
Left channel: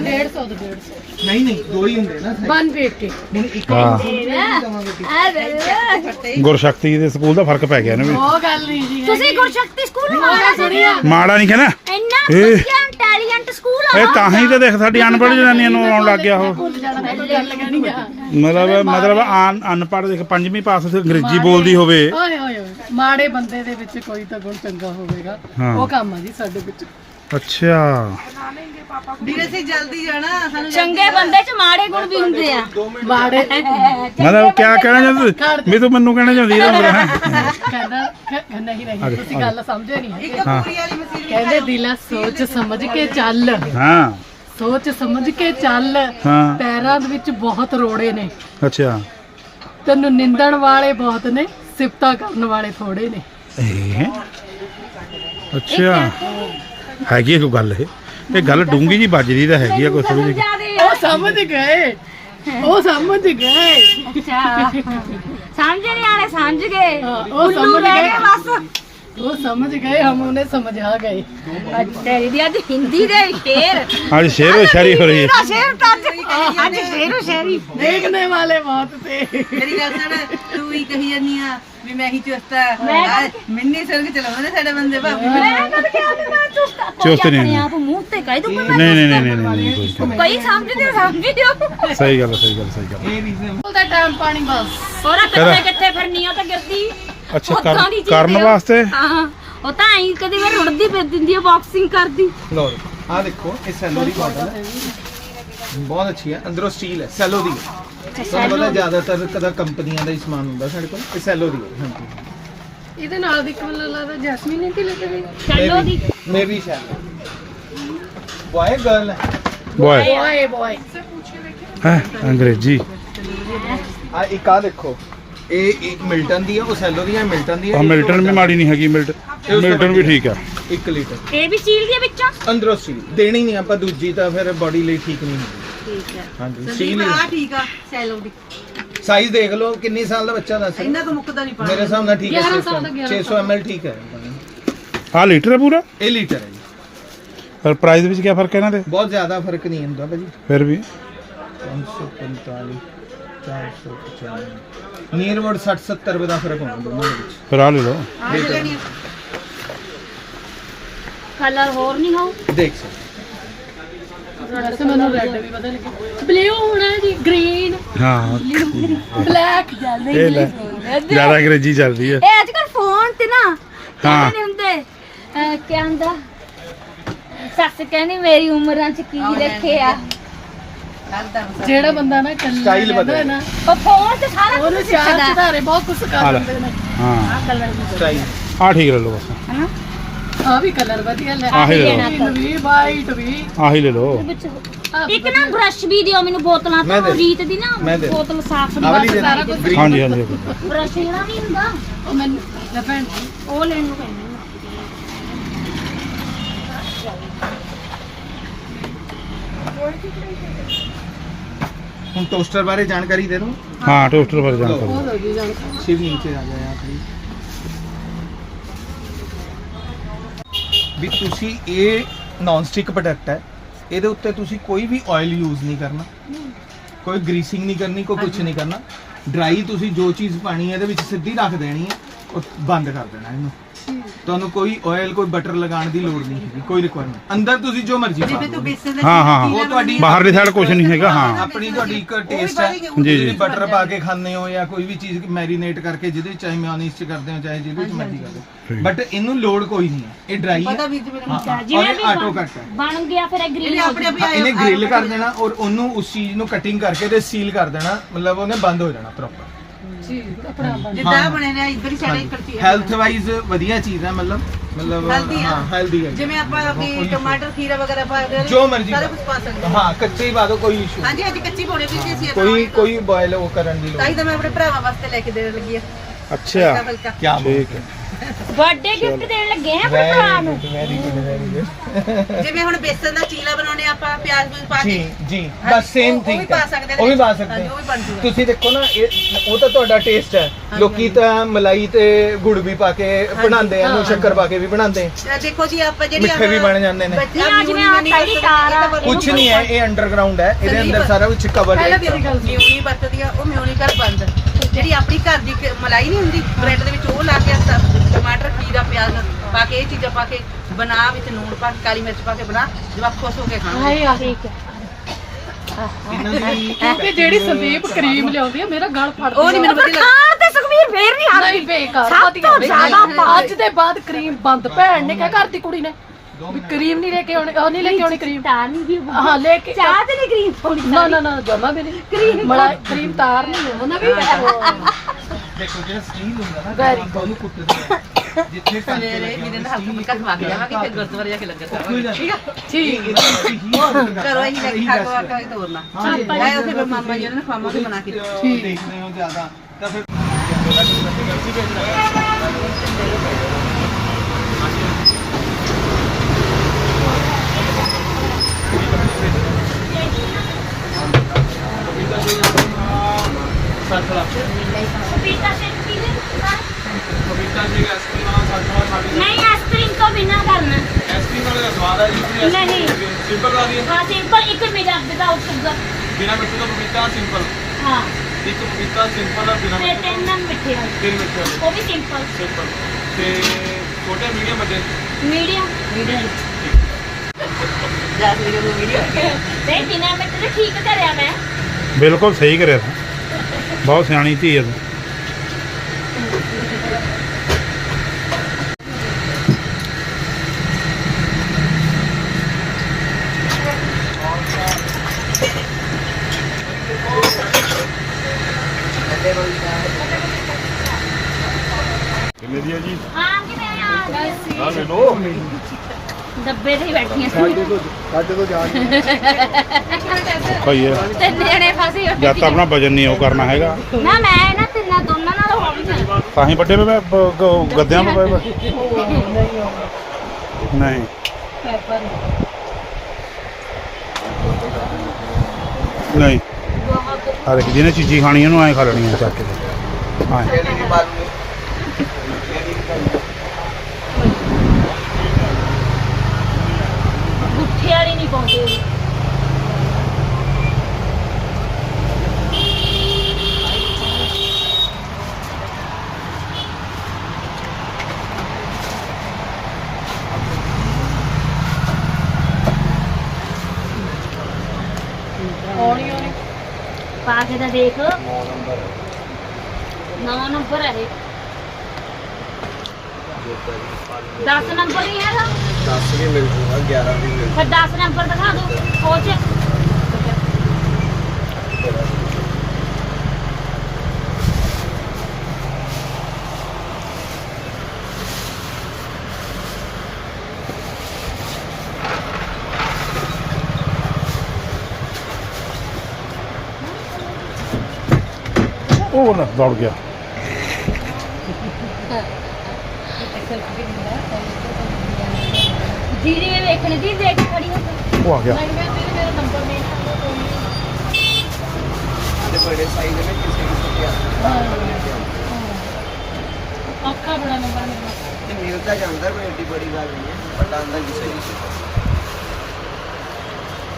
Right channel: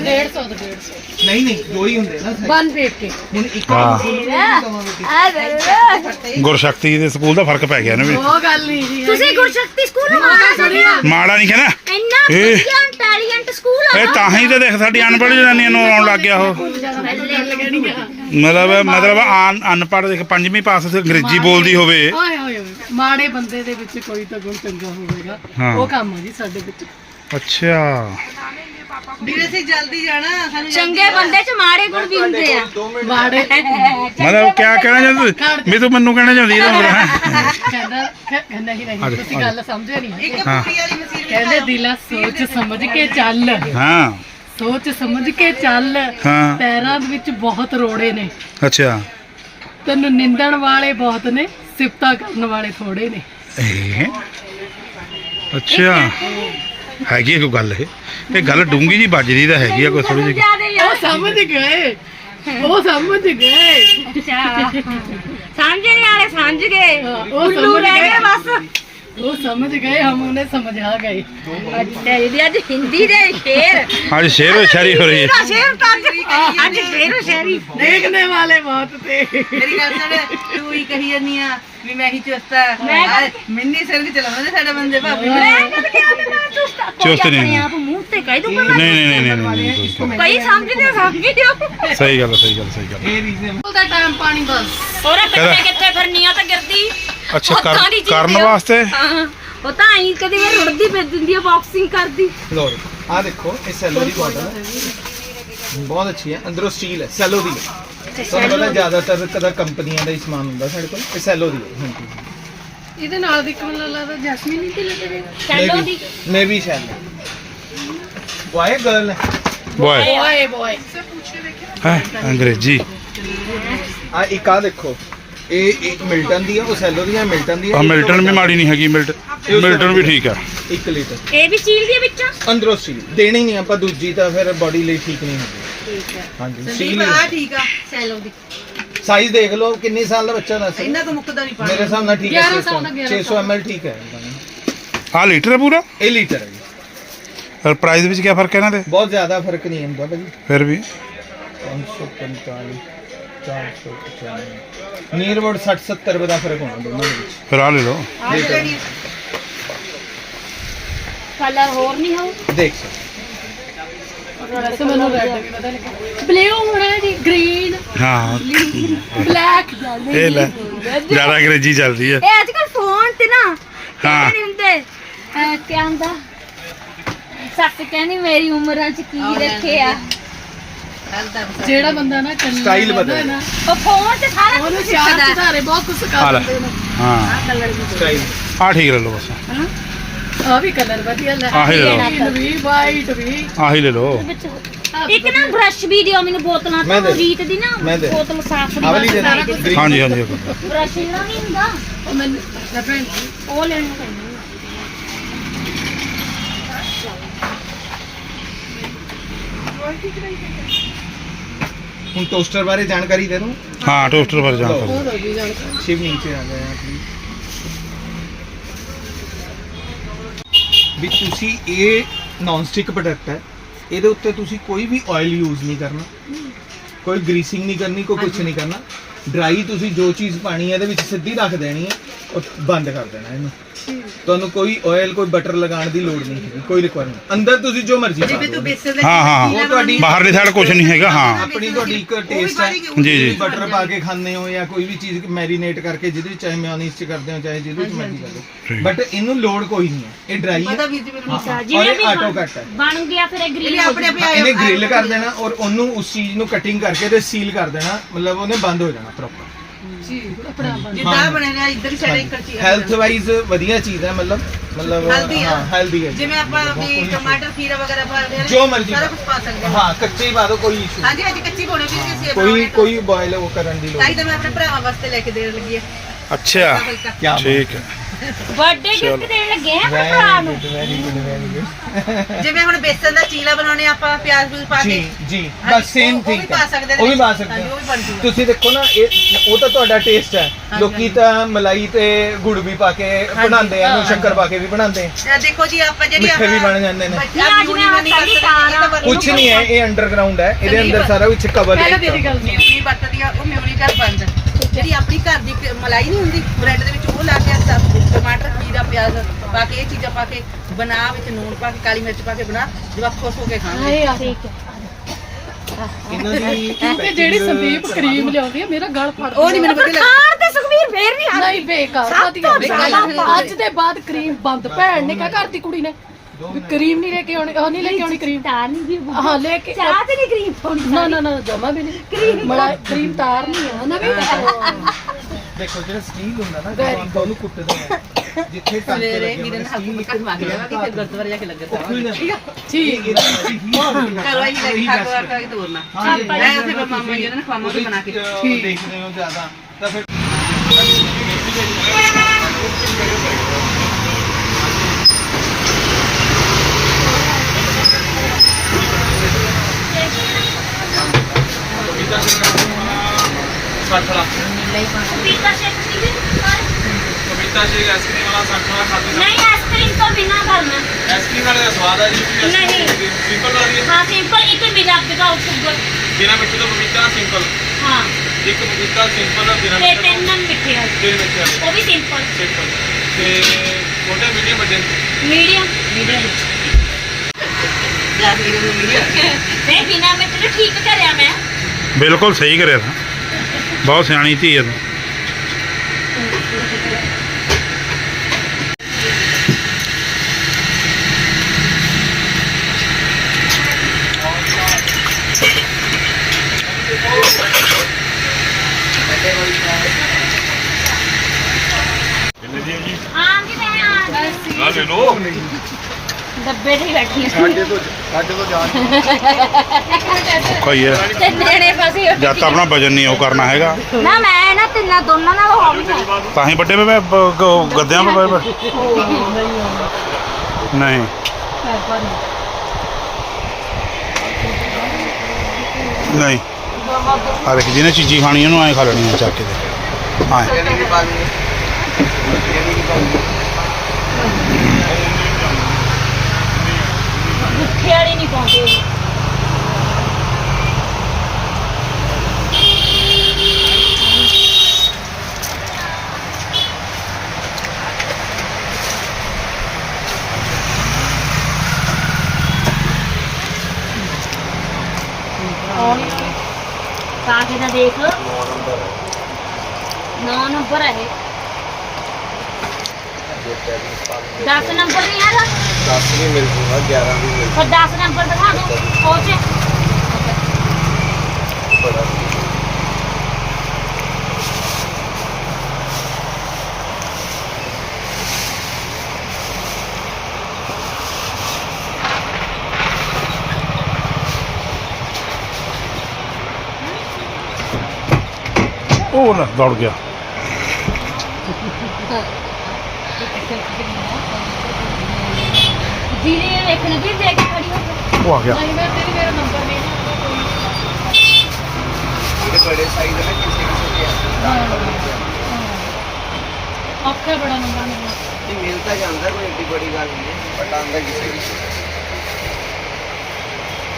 ਦਾ 150 ਨਹੀਂ ਨਹੀਂ ਦੋ ਹੀ ਹੁੰਦੇ ਨਾ ਬਨ ਵੇਖ ਕੇ ਹੁਣ ਇੱਕ ਹਾਂ ਗੁਰਸ਼ਕਤੀ ਦੇ ਸਕੂਲ ਦਾ ਫ਼ਰਕ ਪੈ ਗਿਆ ਨਾ ਵੀ। ਉਹ ਗੱਲ ਨਹੀਂ ਜੀ ਤੁਸੀਂ ਗੁਰਸ਼ਕਤੀ ਸਕੂਲ ਮਾੜਾ ਨਹੀਂ ਕਹਿਣਾ। ਇੰਨਾ ਵਧੀਆ ਸਕੂਲ ਆ ਇਹ ਤਾਂ ਹੀ ਤੇ ਦੇਖ ਸਾਡੀ ਅਨਪੜ੍ਹ ਜਨਾਨੀਆਂ ਨੂੰ ਆਉਣ ਲੱਗ ਗਿਆ ਉਹ। ਮਤਲਬ ਮਤਲਬ ਅਨ ਅਨਪੜ੍ਹ ਦੇਖ ਪੰਜਵੀਂ ਪਾਸ ਤੇ ਅੰਗਰੇਜ਼ੀ ਬੋਲਦੀ ਹੋਵੇ। ਓਏ ਮਾੜੇ ਬੰਦੇ ਦੇ ਵਿੱਚ ਕੋਈ ਤਾਂ ਗੁਣ ਚੰਗਾ ਹੋਵੇਗਾ। ਹਾਂ। ਉਹ ਕੰਮ ਆ ਜੀ ਸਾਡੇ ਵਿੱਚ। ਅੱਛਾ। ਵੀਰੇ ਸੀ ਜਲਦੀ ਜਾਣਾ ਸਾਨੂੰ ਚੰਗੇ ਬੰਦੇ 'ਚ ਮਾੜੇ ਗੁਣ ਵੀ ਹੁੰਦੇ ਆ। ਮਾੜੇ। ਮਤਲਬ ਕਿਆ ਕਹਿਣਾ ਚਾਹੁੰਦੀ ਵੀ ਤੂੰ ਮੈਨੂੰ ਕਹਿਣਾ ਚਾਹੁੰਦੀ ਇਹਦਾ ਮਤਲਬ ਹੈ? ਕਹਿੰਦਾ ਨਹੀਂ ਨਹੀਂ ਤੁਸੀਂ ਗੱਲ ਸਮਝੇ ਨਹੀਂ ਇੱਕ। ਪੂਰੀ ਵਾਲੀ ਮਸੀਰ ਕਹਿੰਦੇ ਦਿਲਾ ਸੋਚ ਸਮਝ ਕੇ ਚੱਲ। ਹਾਂ। ਸੋਚ ਸਮਝ ਕੇ ਚੱਲ। ਹਾਂ। ਪੈਰਾਂ ਦੇ ਵਿੱਚ ਬਹੁਤ ਰੋੜੇ ਨੇ। ਅੱਛਾ। ਤੈਨੂੰ ਨਿੰਦਣ ਵਾਲੇ ਬਹੁਤ ਨੇ ਸਿਫਤਾਂ ਕਰਨ ਵਾਲੇ ਥੋੜੇ ਨੇ। ਅੱਛਾ। ਹੈਗੀ ਕੋਈ ਗੱਲ ਇਹ? ਇਹ ਗੱਲ ਡੂੰਗੀ ਜੀ ਵੱਜਦੀ ਤਾਂ ਹੈਗੀ ਆ ਕੋਈ ਥੋੜੀ ਜਿਹੀ। ਉਹ ਸਮਝ ਗਏ। ਉਹ ਸਮਝ ਗਏ। ਅੱਛਾ। ਸਮਝੇ ਨਹੀਂ ਆਲੇ ਸਮਝ ਗਏ। ਉਹ ਸਮਝ ਗਏ। ਬਸ। ਉਹ ਸਮਝ ਗਏ ਹਮ ਉਹਨੇ ਸਮਝਾ ਗਏ। ਅੱਜ ਤੇਰੀ ਦੀ ਅੱਜ ਹਿੰਦੀ ਦੇ ਸ਼ੇਰ। ਅੱਜ ਸ਼ੇਰੋ ਸ਼ਾਰੀ ਹੋ ਰਹੀ ਹੈ। ਸ਼ੇਰ ਤਾਂ ਅੱਜ ਸ਼ੇਰੋ ਸ਼ੇਰੀ ਦੇਖਣੇ ਵਾਲੇ ਬਹੁਤ ਤੇ। ਮੇਰੀ ਗੱਲ ਸੁਣ ਤੂੰ ਹੀ ਕਹੀ ਜਾਂਦੀ ਆ ਵੀ ਮੈਂ ਹੀ ਚੁਸਤਾ ਮੈਂ- ਮਿੰਨੀ ਸਰਗ ਚਲਾਉਂਦੇ ਸਾਡਾ ਬੰਦੇ ਭਾਬੀ। ਮੈਂ ਕਦ ਕਿਹਾ ਕਿ ਮੈਂ ਚੁਸਤਾ ਕੋਈ ਚੁਸਤ ਨਹੀਂ। ਆਪਣੇ ਆਪ ਮੂੰਹ ਤੇ ਕਹਿ ਦੂੰਗਾ ਨਹੀਂ ਨਹੀਂ ਨਹੀਂ ਨਹੀਂ ਕੋਈ- ਸਮਝਦੇ ਸਮਝਦੇ ਹੋ ਸਹੀ ਗੱਲ ਸਹੀ ਗੱਲ ਸਹੀ ਗੱਲ ਇਹ ਰੀਜ਼ਨ ਦਾ ਟਾਈਮ ਪਾਣੀ ਬਸ। ਕਿਹੜਾ? ਕਿੱਥੇ ਕਿੱਥੇ ਫਿਰਨੀ ਆ ਤਾਂ ਗਿਰਦੀ। ਅੱਛਾ ਕਰਨ। ਵਾਸਤੇ? ਹਾਂ ਉਹ ਤਾਂ ਐਂ ਕਦੀ ਮੈਂ ਰੁੜਦੀ ਫਿਰ ਦਿੰਦੀ ਆ ਬਾਕਸਿੰਗ ਕਰਦੀ। ਲੋ ਆ ਦੇਖੋ ਇਹ ਸੈਲੋ ਦੀ ਬੋਟਲ ਹੈ। ਬਹੁਤ ਅੱਛੀ ਹੈ ਅੰਦਰੋਂ ਸਟੀਲ ਹੈ ਸੈਲੋ ਦੀ ਹੈ। ਤੁਹਾਨੂੰ ਪਤਾ ਜ਼ਿਆਦਾਤਰ ਕਦਾ ਕੰਪਨੀਆਂ ਦਾ ਹੀ ਸਮਾਨ ਹੁੰਦਾ ਸਾਡੇ ਕੋਲ? ਇਹ ਸੈਲੋ ਦੀ ਹੈ ਹਾਂਜੀ। ਇਹਦੇ ਨਾਲ ਦੀ ਕਿਵੇਂ ਲੱਗਦਾ ਜੈਸਮੀਨ ਨਹੀਂ ਤੇ ਲੱਗਦਾ ਸ਼ੈਲੋ ਦੀ? Maybe Cello boy girl boy boy boy ਅੰਗਰੇਜ਼ੀ ਆ ਇੱਕ ਆ ਦੇਖੋ। ਇਹ ਇੱਕ ਮਿਲਟਨ ਦੀ ਆ ਉਹ ਸੈਲੋ ਦੀ ਆ ਮਿਲਟਨ ਦੀ ਆ। ਆ ਮਿਲਟਨ ਵੀ ਮਾੜੀ ਨਹੀਂ ਹੈਗੀ ਮਿਲਟਨ ਮਿਲਟਨ ਵੀ ਠੀਕ ਆ। 1 ਲੀਟਰ। ਇਹ ਵੀ ਚੀਲ ਦੀ ਵਿੱਚ? ਅੰਦਰੋਂ ਸੀ ਦੇਣੀ ਨਹੀਂ ਆਪਾਂ ਦੂਜੀ ਤਾਂ ਫਿਰ ਬਾਡੀ ਲਈ ਠੀਕ ਨਹੀਂ ਹੁੰਦੀ। ਠੀਕ ਹੈ। ਹਾਂਜੀ ਸੰਦੀਪ ਸਟੀਲ ਆ ਠੀਕ ਆ ਸੈਲੋ ਦੀ ਸਾਈਜ਼ ਦੇਖ ਲਓ ਕਿੰਨੀ ਸਾਲ ਦਾ ਬੱਚਾ ਦੱਸ ਇੰਨਾ ਕੁ ਮੁੱਕਦਾ ਨਹੀਂ ਮੇਰੇ ਪਾਣੀ ਹਿਸਾਬ ਨਾਲ ਠੀਕ ਹੈ 11 ਸਾਲ ਦਾ, 11 600 ml ਠੀਕ ਹੈ ਆ ਲੀਟਰ ਹੈ ਪੂਰਾ? ਇਹ ਲੀਟਰ ਹੈ ਜੀ। ਪਰ ਪ੍ਰਾਈਸ ਵਿੱਚ ਕੀ ਫ਼ਰਕ ਹੈ ਇਹਨਾਂ ਦੇ? ਬਹੁਤ ਜ਼ਿਆਦਾ ਫ਼ਰਕ ਨਹੀਂ ਹੁੰਦਾ ਭਾਜੀ। ਫਿਰ ਵੀ? 545 495 ਨੀਅਰ ਅਬਾਊਟ 60 70 ਰੁਪਏ ਦਾ ਫ਼ਰਕ ਹੋਣਾ ਦੋਨਾਂ ਦੇ ਵਿੱਚ। ਫਿਰ ਆ ਲੈ ਲਓ। ਆ ਜਿਹੜੀ ਕਲਰ ਹੋਰ ਨਹੀਂ ਹੋ ਦੇਖ ਸਕਦੇ ਵੈਸੇ ਮੈਨੂੰ ਰੈੱਡ ਵੀ ਪਤਾ ਲੱਗਿਆ ਬਲੂ ਹੋਣਾ ਹੈ ਜੀ ਗ੍ਰੀਨ ਹਾਂ ਬਲੈਕ ਇਹ ਲੈ ਜ਼ਿਆਦਾ ਅੰਗਰੇਜ਼ੀ ਚੱਲਦੀ ਹੈ ਇਹ ਅੱਜ ਕੱਲ ਫੋਨ ਤੇ ਨਾ ਹਾਂ। ਕਹਿੰਦੇ ਨੀ ਹੁੰਦੇ? ਅਹ, ਕਿਆ ਹੁੰਦਾ? ਸੱਸ ਕਹਿੰਦੀ ਮੇਰੀ ਉਮਰਾਂ ਚ ਕੀ ਰੱਖਿਆ ਜਿਹੜਾ ਬੰਦਾ ਨਾ ਕੱਲਾ Style ਬਦਲ। ਹੈ ਨਾ ਉਹ ਫੋਨ ਤੇ ਸਾਰਾ ਉਹਨੂੰ ਕੁਝ ਚਾਰ ਸਿੱਖਦਾ ਸਿਤਾਰੇ ਬਹੁਤ ਕੁਝ ਆ ਸਿਖਾ ਲੈ। ਦਿੰਦੇ ਨੇ। ਹਾਂ। ਸਟਾਈਲ ਆ ਠੀਕ ਲੈ ਲਓ ਬਸ। ਆ ਵੀ ਕਲਰ ਵਧੀਆ ਲੈ। ਆਹੀ ਲੈ ਲਓ। ਗ੍ਰੀਨ ਵੀ ਵਾਈਟ ਵੀ। ਆਹੀ ਲੈ ਲਓ। ਆਹ ਇੱਕ ਨਾ ਬ੍ਰਸ਼ ਵੀ ਦਿਓ ਮੈਨੂੰ ਬੋਤਲਾਂ ਮੈਂ ਤੋਂ ਦੇ- ਰੀਤ ਦੀ ਮੈਂ ਨਾ ਦੇ- ਬੋਤਲ ਸਾਫ਼ ਆ ਵਾਲੀ ਨਹੀਂ ਸਾਰਾ ਦੇ ਕੁਛ। green- ਹਾਂਜੀ ਹਾਂਜੀ ਉਹ ਬ੍ਰਸ਼ ਜਿਹੜਾ ਨਹੀਂ ਹੁੰਦਾ। ਉਹ ਮੈਨੂੰ ਲੈ ਭੈਣ ਜੀ। ਉਹ ਲੈਣ ਨੂੰ ਕਹਿੰਦੀ ਹੁਣ ਟੋਸਟਰ ਬਾਰੇ ਜਾਣਕਾਰੀ ਦੇ ਦੂੰ ਹਾਂ ਟੋਸਟਰ ਬਾਰੇ ਉਹ ਜਾਣਕਾਰੀ ਦੋ ਜੀ ਜਾਣਕਾਰੀ। ਸ਼ਿਵ ਨੀਚੇ ਆ ਜਾਏ ਵੀ ਤੁਸੀਂ ਇਹ ਨਾਨ ਸਟਿਕ ਪ੍ਰੋਡਕਟ ਹੈ ਇਹਦੇ ਉੱਤੇ ਤੁਸੀਂ ਕੋਈ ਵੀ ਆਇਲ ਯੂਜ਼ ਨਹੀਂ ਕਰਨਾ ਕੋਈ ਗਰੀਸਿੰਗ ਨਹੀਂ ਕਰਨੀ ਕੋਈ ਕੁਝ ਨਹੀਂ ਕਰਨਾ। ਡਰਾਈ ਤੁਸੀਂ ਜੋ ਚੀਜ਼ ਪਾਣੀ ਹੈ ਇਹਦੇ ਵਿੱਚ ਸਿੱਧੀ ਰੱਖ ਦੇਣੀ ਹੈ। ਔਰ ਬੰਦ ਕਰ ਦੇਣਾ ਇਹਨੂੰ। ਤੁਹਾਨੂੰ ਕੋਈ ਆਇਲ ਕੋਈ ਬਟਰ ਲਗਾਉਣ ਦੀ ਲੋੜ ਨਹੀਂ ਹੈਗੀ ਕੋਈ ਰਿਕੁਆਇਰਮੈਂਟ ਅੰਦਰ ਤੁਸੀਂ ਜੋ ਮਰਜ਼ੀ ਪਾ ਜਿਵੇਂ ਤੂੰ ਦਿਓ। ਬੇਸਨ ਹਾਂ, ਹਾਂ, ਉਹ ਤੁਹਾਡੀ ਬਾਹਰਲੀ ਸਾਈਡ ਕੁਝ ਨਹੀਂ ਹੈਗਾ ਹਾਂ। ਆਪਣੀ ਤੁਹਾਡੀ ਇੱਕ ਟੇਸਟ ਹੈ ਜੀ ਜੀ। ਬਟਰ ਪਾ ਕੇ ਖਾਂਦੇ ਹੋ ਜਾਂ ਕੋਈ ਵੀ ਚੀਜ਼ ਮੈਰੀਨੇਟ ਕਰਕੇ ਜਿਹਦੇ ਵਿੱਚ ਚਾਹੇ ਮਿਓਨੀਜ਼ ਚ ਕਰਦੇ ਹੋ ਚਾਹੇ ਜਿਹਦੇ ਵਿੱਚ ਮਰਜ਼ੀ ਕਰਦੇ ਹੋ ਠੀਕ। ਬਟ ਇਹਨੂੰ ਲੋੜ ਕੋਈ ਨਹੀਂ ਹੈ। ਇਹ ਡਰਾਈ ਪਤਾ ਹੈ ਵੀਰ ਜੀ ਮੈਨੂੰ ਹਾਂ, ਜਿਵੇਂ ਔਰ ਵੀ ਇਹ ਆਟੋ ਕੱਟ ਹੈ। ਬਣ ਗਿਆ ਫਿਰ ਇਹ ਗ੍ਰੀਨ ਹੋ। ਆਪਣੇ ਇਹਨੇ ਗ੍ਰਿਲ ਕਰ ਦੇਣਾ ਔਰ ਉਹਨੂੰ ਉਸ ਚੀਜ਼ ਨੂੰ ਕਟਿੰਗ ਕਰਕੇ ਤੇ ਸੀਲ ਕਰ ਦੇਣਾ। ਮਤਲਬ ਉਹਨੇ ਬੰਦ ਹੋ ਜਾਣਾ ਪ੍ਰੋਪਰ ਜੀ ਆਪਣਾ ਬਣ ਜਿੱਦਾਂ ਬਣਿਆ ਰਿਹਾ ਇੱਧਰ ਹੀ ਸਾਡੇ ਕੜਚੀ ਹੈਲਥ ਵਾਈਜ਼ ਵਧੀਆ ਚੀਜ਼ ਹੈ ਮਤਲਬ ਮਤਲਬ Healthy ਆ। ਹਾਂ ਹੈਲਦੀ ਹੈ। ਜਿਵੇਂ ਆਪਾਂ ਵੀ ਟਮਾਟਰ ਖੀਰਾ ਵਗੈਰਾ ਪਾ ਦੇ ਜੋ ਮਰਜ਼ੀ। ਸਾਰਾ ਪਾ। ਕੁਝ ਪਾ ਸਕਦੇ ਹਾਂ ਹਾਂ ਕੱਚੇ ਹੀ ਪਾ ਦਿਓ ਕੋਈ ਇਸ਼ੂ ਹਾਂਜੀ ਅੱਜ ਕੱਚੀ ਪਾਉਣੇ ਵੀ ਅਸੀਂ ਕੋਈ ਕੋਈ ਬੋਇਲ ਉਹ ਕਰਨ ਦੀ ਲੋੜ ਤਾਈ ਤਾਂ ਮੈਂ ਆਪਣੇ ਭਰਾਵਾਂ ਵਾਸਤੇ ਲੈ ਕੇ ਦੇਣ ਲੱਗੀ ਆ। ਅੱਛਾ ਹਲਕਾ ਠੀਕ ਹੈ। ਬਰਥਡੇ ਗਿਫਟ ਦੇਣ ਲੱਗੇ ਆ ਆਪਣੇ ਭਰਾ ਨੂੰ। ਵੈਰੀ ਗੁੱਡ ਵੈਰੀ ਗੁੱਡ ਜਿਵੇਂ ਹੁਣ ਬੇਸਨ ਦਾ ਚੀਲਾ ਬਣਾਉਣੇ ਆਪਾਂ ਪਿਆਜ਼ ਪੂਜ਼ ਪਾ ਕੇ। ਜੀ ਹਾਂਜੀ, ਬਸ ਸੇਮ ਉਹ- ਉਹ ਵੀ ਥਿੰਗ ਪਾ ਸਕਦੇ ਨੇ। ਉਹ ਵੀ ਪਾ ਹਾਂਜੀ, ਸਕਦੇ ਉਹ ਵੀ ਬਣ ਹੋ ਜੂਗਾ। ਤੁਸੀਂ ਦੇਖੋ ਨਾ ਇਹ ਉਹ ਤਾਂ ਤੁਹਾਡਾ ਟੇਸਟ ਹੈ। ਲੋਕੀ ਤਾਂ ਮਲਾਈ ਤੇ ਗੁੜ ਵੀ ਪਾ ਕੇ ਬਣਾਉਂਦੇ ਆ ਨੂੰ ਸ਼ੱਕਰ ਪਾ ਕੇ ਵੀ ਬਣਾਉਂਦੇ ਆ। ਦੇਖੋ ਜੀ ਆਪਾਂ ਜਿਹੜੀ ਮਿੱਠੇ ਵੀ ਬਣ ਜਾਂਦੇ ਨੇ। ਜਿਵੇਂ ਜਿਵੇਂ ਆਹ ਕਾਰ ਆ, ਕੁਝ ਨਹੀਂ ਹੈ ਇਹ ਅੰਡਰਗਰਾਉਂਡ ਹੈ। ਇਹਦੇ ਅੰਦਰ ਸਾਰਾ ਕੁਝ ਕਵਰ ਪਹਿਲਾਂ ਹੈ। ਤੇਰੀ ਗੱਲ ਸੁਣ ਮਿਊਨੀ ਵਰਤਦੀ ਆ ਉਹ ਮਿਊਨੀ ਘਰ ਬੰਦ। ਜਿਹੜੀ ਆਪਣੀ ਘਰ ਦੀ ਕ- ਮਲਾਈ ਨਹੀਂ ਹੁੰਦੀ ਬ੍ਰੈਡ ਦੇ ਵਿੱਚ ਉਹ ਲਾ ਕੇ ਸਭ ਟਮਾਟਰ ਖੀਰਾ ਪਿਆਜ਼ ਪਾ ਕੇ ਇਹ ਚੀਜ਼ਾਂ ਪਾ ਕੇ ਬਣਾ ਵਿੱਚ ਨੂਣ ਪਾ ਕੇ ਕਾਲੀ ਮਿਰਚ ਪਾ ਕੇ ਬਣਾ ਜਵਾਕ ਖੁਸ਼ ਹੋ ਕੇ ਖਾਣਗੇ। ਹਾਏ ਆ ਠੀਕ ਹੈ। ਇਹਨਾਂ ਦੀ ਕਿਉਂਕਿ ਜਿਹੜੀ ਸੰਦੀਪ ਕਰੀਮ ਲਿਆਉਂਦੀ ਹੈ ਮੇਰਾ ਗਲ ਫੜਦਾ। ਉਹ ਨਹੀਂ ਮੈਨੂੰ ਵਧੀਆ ਲੱਗਦਾ। ਤੇ ਸੁਖਵੀਰ ਫੇਰ ਨਹੀਂ ਨਹੀਂ ਬੇਕਾਰ ਸਭ ਤੋਂ ਜ਼ਿਆਦਾ। ਅੱਜ ਦੇ ਬਾਅਦ ਕਰੀਮ ਬੰਦ। ਭੈਣ ਨੇ ਕਿਹਾ ਘਰ ਦੀ ਕੁੜੀ ਨੇ। ਵੀ ਕਰੀਮ ਨਹੀਂ ਲੈ ਕੇ ਆਉਣੀ ਉਹ ਨਹੀਂ ਲੈ ਕੇ ਆਉਣੀ ਕਰੀਮ। ਤਾਰ ਨਹੀਂ ਵੀ ਹਾਂ ਲੈ ਕੇ ਚਾਹ ਤੇ ਨਹੀਂ ਕਰੀਮ ਪਾਉਣੀ ਨਾ ਨਾ ਨਾ ਜਮਾ ਵੀ ਨਹੀਂ। ਕਰੀਮ ਮਲਾ ਕਰੀਮ ਤਾਰ ਨਹੀਂ ਹੈ ਨਾ ਵੀ। ਦੇਖੋ ਜਿਹੜਾ ਸਟੀਲ ਹੁੰਦਾ ਨਾ Very ਜਦੋਂ ਉਹਨੂੰ ਕੁੱਟਦੇ ਜਿੱਥੇ ਸਵੇਰੇ ਵੀਰੇ ਹੁੰਦੇ ਨਾਲ ਹਲਕਾ ਮੁੱਕਾ ਖਵਾ ਕੇ ਜਾਵਾਂਗੇ ਫਿਰ ਗੁਰਦੁਆਰੇ ਜਾ ਕੇ ਲੰਗਰ ਨਾ। ਠੀਕ ਆ ਠੀਕ ਹੀ। ਘਰੋਂ ਹੀ ਲੈ ਖਾ ਕੇ ਹੈ। ਆ ਕੇ ਤੋਰਨਾ। ਹਾਂ, ਮੈਂ ਉੱਥੇ ਫਿਰ ਮਾਮਾ ਜੀ ਨੇ ਖਵਾਵਾਂਗੇ ਬਣਾ ਕੇ। ਚ ਦੇਖਦੇ ਹੋ ਜ਼ਿਆਦਾ। ਤਾਂ ਫਿਰ ਪਪੀਤਾ ਸ਼ੇਕ ਪੀਵੇ ਪਪੀਤਾ ਸ਼ੇਕ ਆਈਸਕ੍ਰੀਮ ਵਾਲਾ ਸੰਤਰਾ ਖਾਦੀ ਨਹੀਂ ਆਈਸਕ੍ਰੀਮ ਤੋਂ ਬਿਨਾ ਕਰਨਾ ਆਈਸਕ੍ਰੀਮ ਵਾਲੇ ਦਾ ਸਵਾਦ ਹੈ ਜੀ ਕੋਈ ਨਹੀਂ ਸਿੰਪਲ ਵਾਲੀ ਹੈ ਹਾਂ ਸਿੰਪਲ ਇੱਕ ਬਿਨਾ ਵਿਦਾਊਟ ਸ਼ੂਗਰ ਬਿਨਾ ਮਿੱਠੇ ਤੋਂ ਪਪੀਤਾ ਸਿੰਪਲ ਹਾਂ ਇੱਕ ਪਪੀਤਾ ਸਿੰਪਲ ਬਿਨਾ ਤੇ ਮਿੱਠੇ ਤਿੰਨ ਮਿੱਠੇ ਆ ਤਿੰਨ ਮਿੱਠੇ ਵਾਲੇ ਉਹ ਵੀ ਸਿੰਪਲ ਸਿੰਪਲ ਤੇ ਛੋਟੇ ਮੀਡੀਅਮ ਵੱਡੇ ਮੀਡੀਅਮ ਮੀਡੀਅਮ ਜਾ ਵੀਰੇ ਨੂੰ ਵੀਡੀਓ ਨਹੀਂ ਬਿਨਾ ਮਿੱਠੇ ਠੀਕ ਕਰਿਆ ਮੈਂ। ਬਿਲਕੁਲ ਸਹੀ ਕਰਿਆ ਤੂੰ। ਬਹੁਤ ਸਿਆਣੀ ਧੀ ਹੈ ਤੂੰ। ਹਾਂ ਕਿਤੇ ਆ ਆ ਲੈ ਲੋ ਡੱਬੇ ਤੇ ਹੀ ਬੈਠੀਆਂ। ਸਾਡੇ ਤੋਂ ਸਾਡੇ ਤੋਂ ਜਾ ਔਖਾ ਹੀ ਹੈ। ਤੇ ਨੇੜੇ ਫਸੇ ਹੋਏ ਜਦ ਤਾਂ ਆਪਣਾ ਵਜਨ ਨਹੀਂ ਉਹ ਕਰਨਾ ਹੈਗਾ। ਨਾ ਮੈਂ ਨਾ ਤਿੰਨਾਂ ਦੋਨਾਂ ਨਾਲ ਹੋ। ਵੀ ਜਾਏ ਤਾਂ ਹੀ ਵੱਡੇ ਪਏ ਬ- ਗ- ਗੱਦਿਆਂ 'ਤੇ ਪਏ ਪਏ ਨਹੀਂ। ਨਹੀਂ। ਹਰ ਇੱਕ ਜਿਹਨੇ ਚੀਜ਼ੀ ਖਾਣੀ ਉਹਨੂੰ ਐਂ ਖਾ ਲੈਣੀ ਆ ਚੱਕ ਕੇ। ਦੇ ਹਾਂ ਪਾਉਂਦੇ ਪਾ ਕੇ ਤਾਂ ਦੇਖ। 9 ਨੰਬਰ ਹੈ ਇਹ। 10 ਨੰਬਰ ਨਹੀਂ ਹੈਗਾ 10 ਵੀ ਮਿਲ ਜੂਗਾ 11 ਵੀ ਮਿਲ ਫਿਰ 10 ਨੰਬਰ ਦਿਖਾ ਦਿਓ ਪਹੁੰਚ ਉਹ ਲੈ ਦੌੜ ਗਿਆ। *laughs* ਦੀਦੀ ਨੇ ਵੇਖਣ ਦੀ ਦੇਖ ਕੇ ਖੜੀ ਹੋ ਕੇ ਉਹ ਆ ਗਿਆ ਇਹਦੇ ਬੜੇ ਸਾਈਜ਼ ਨੇ ਕਿਸੇ ਕਿਸੇ ਦੇ ਅੱਖਾਂ ਬੜਾ ਨੰਬਰ ਮਿਲਿਆ ਇਹ ਮਿਲਦਾ ਜਾਂਦਾ ਕੋਈ ਏਡੀ ਬੜੀ ਗੱਲ ਨਹੀਂ ਹੈ ਪਤਾ ਹੁੰਦਾ ਕਿਸੇ ਕਿਸੇ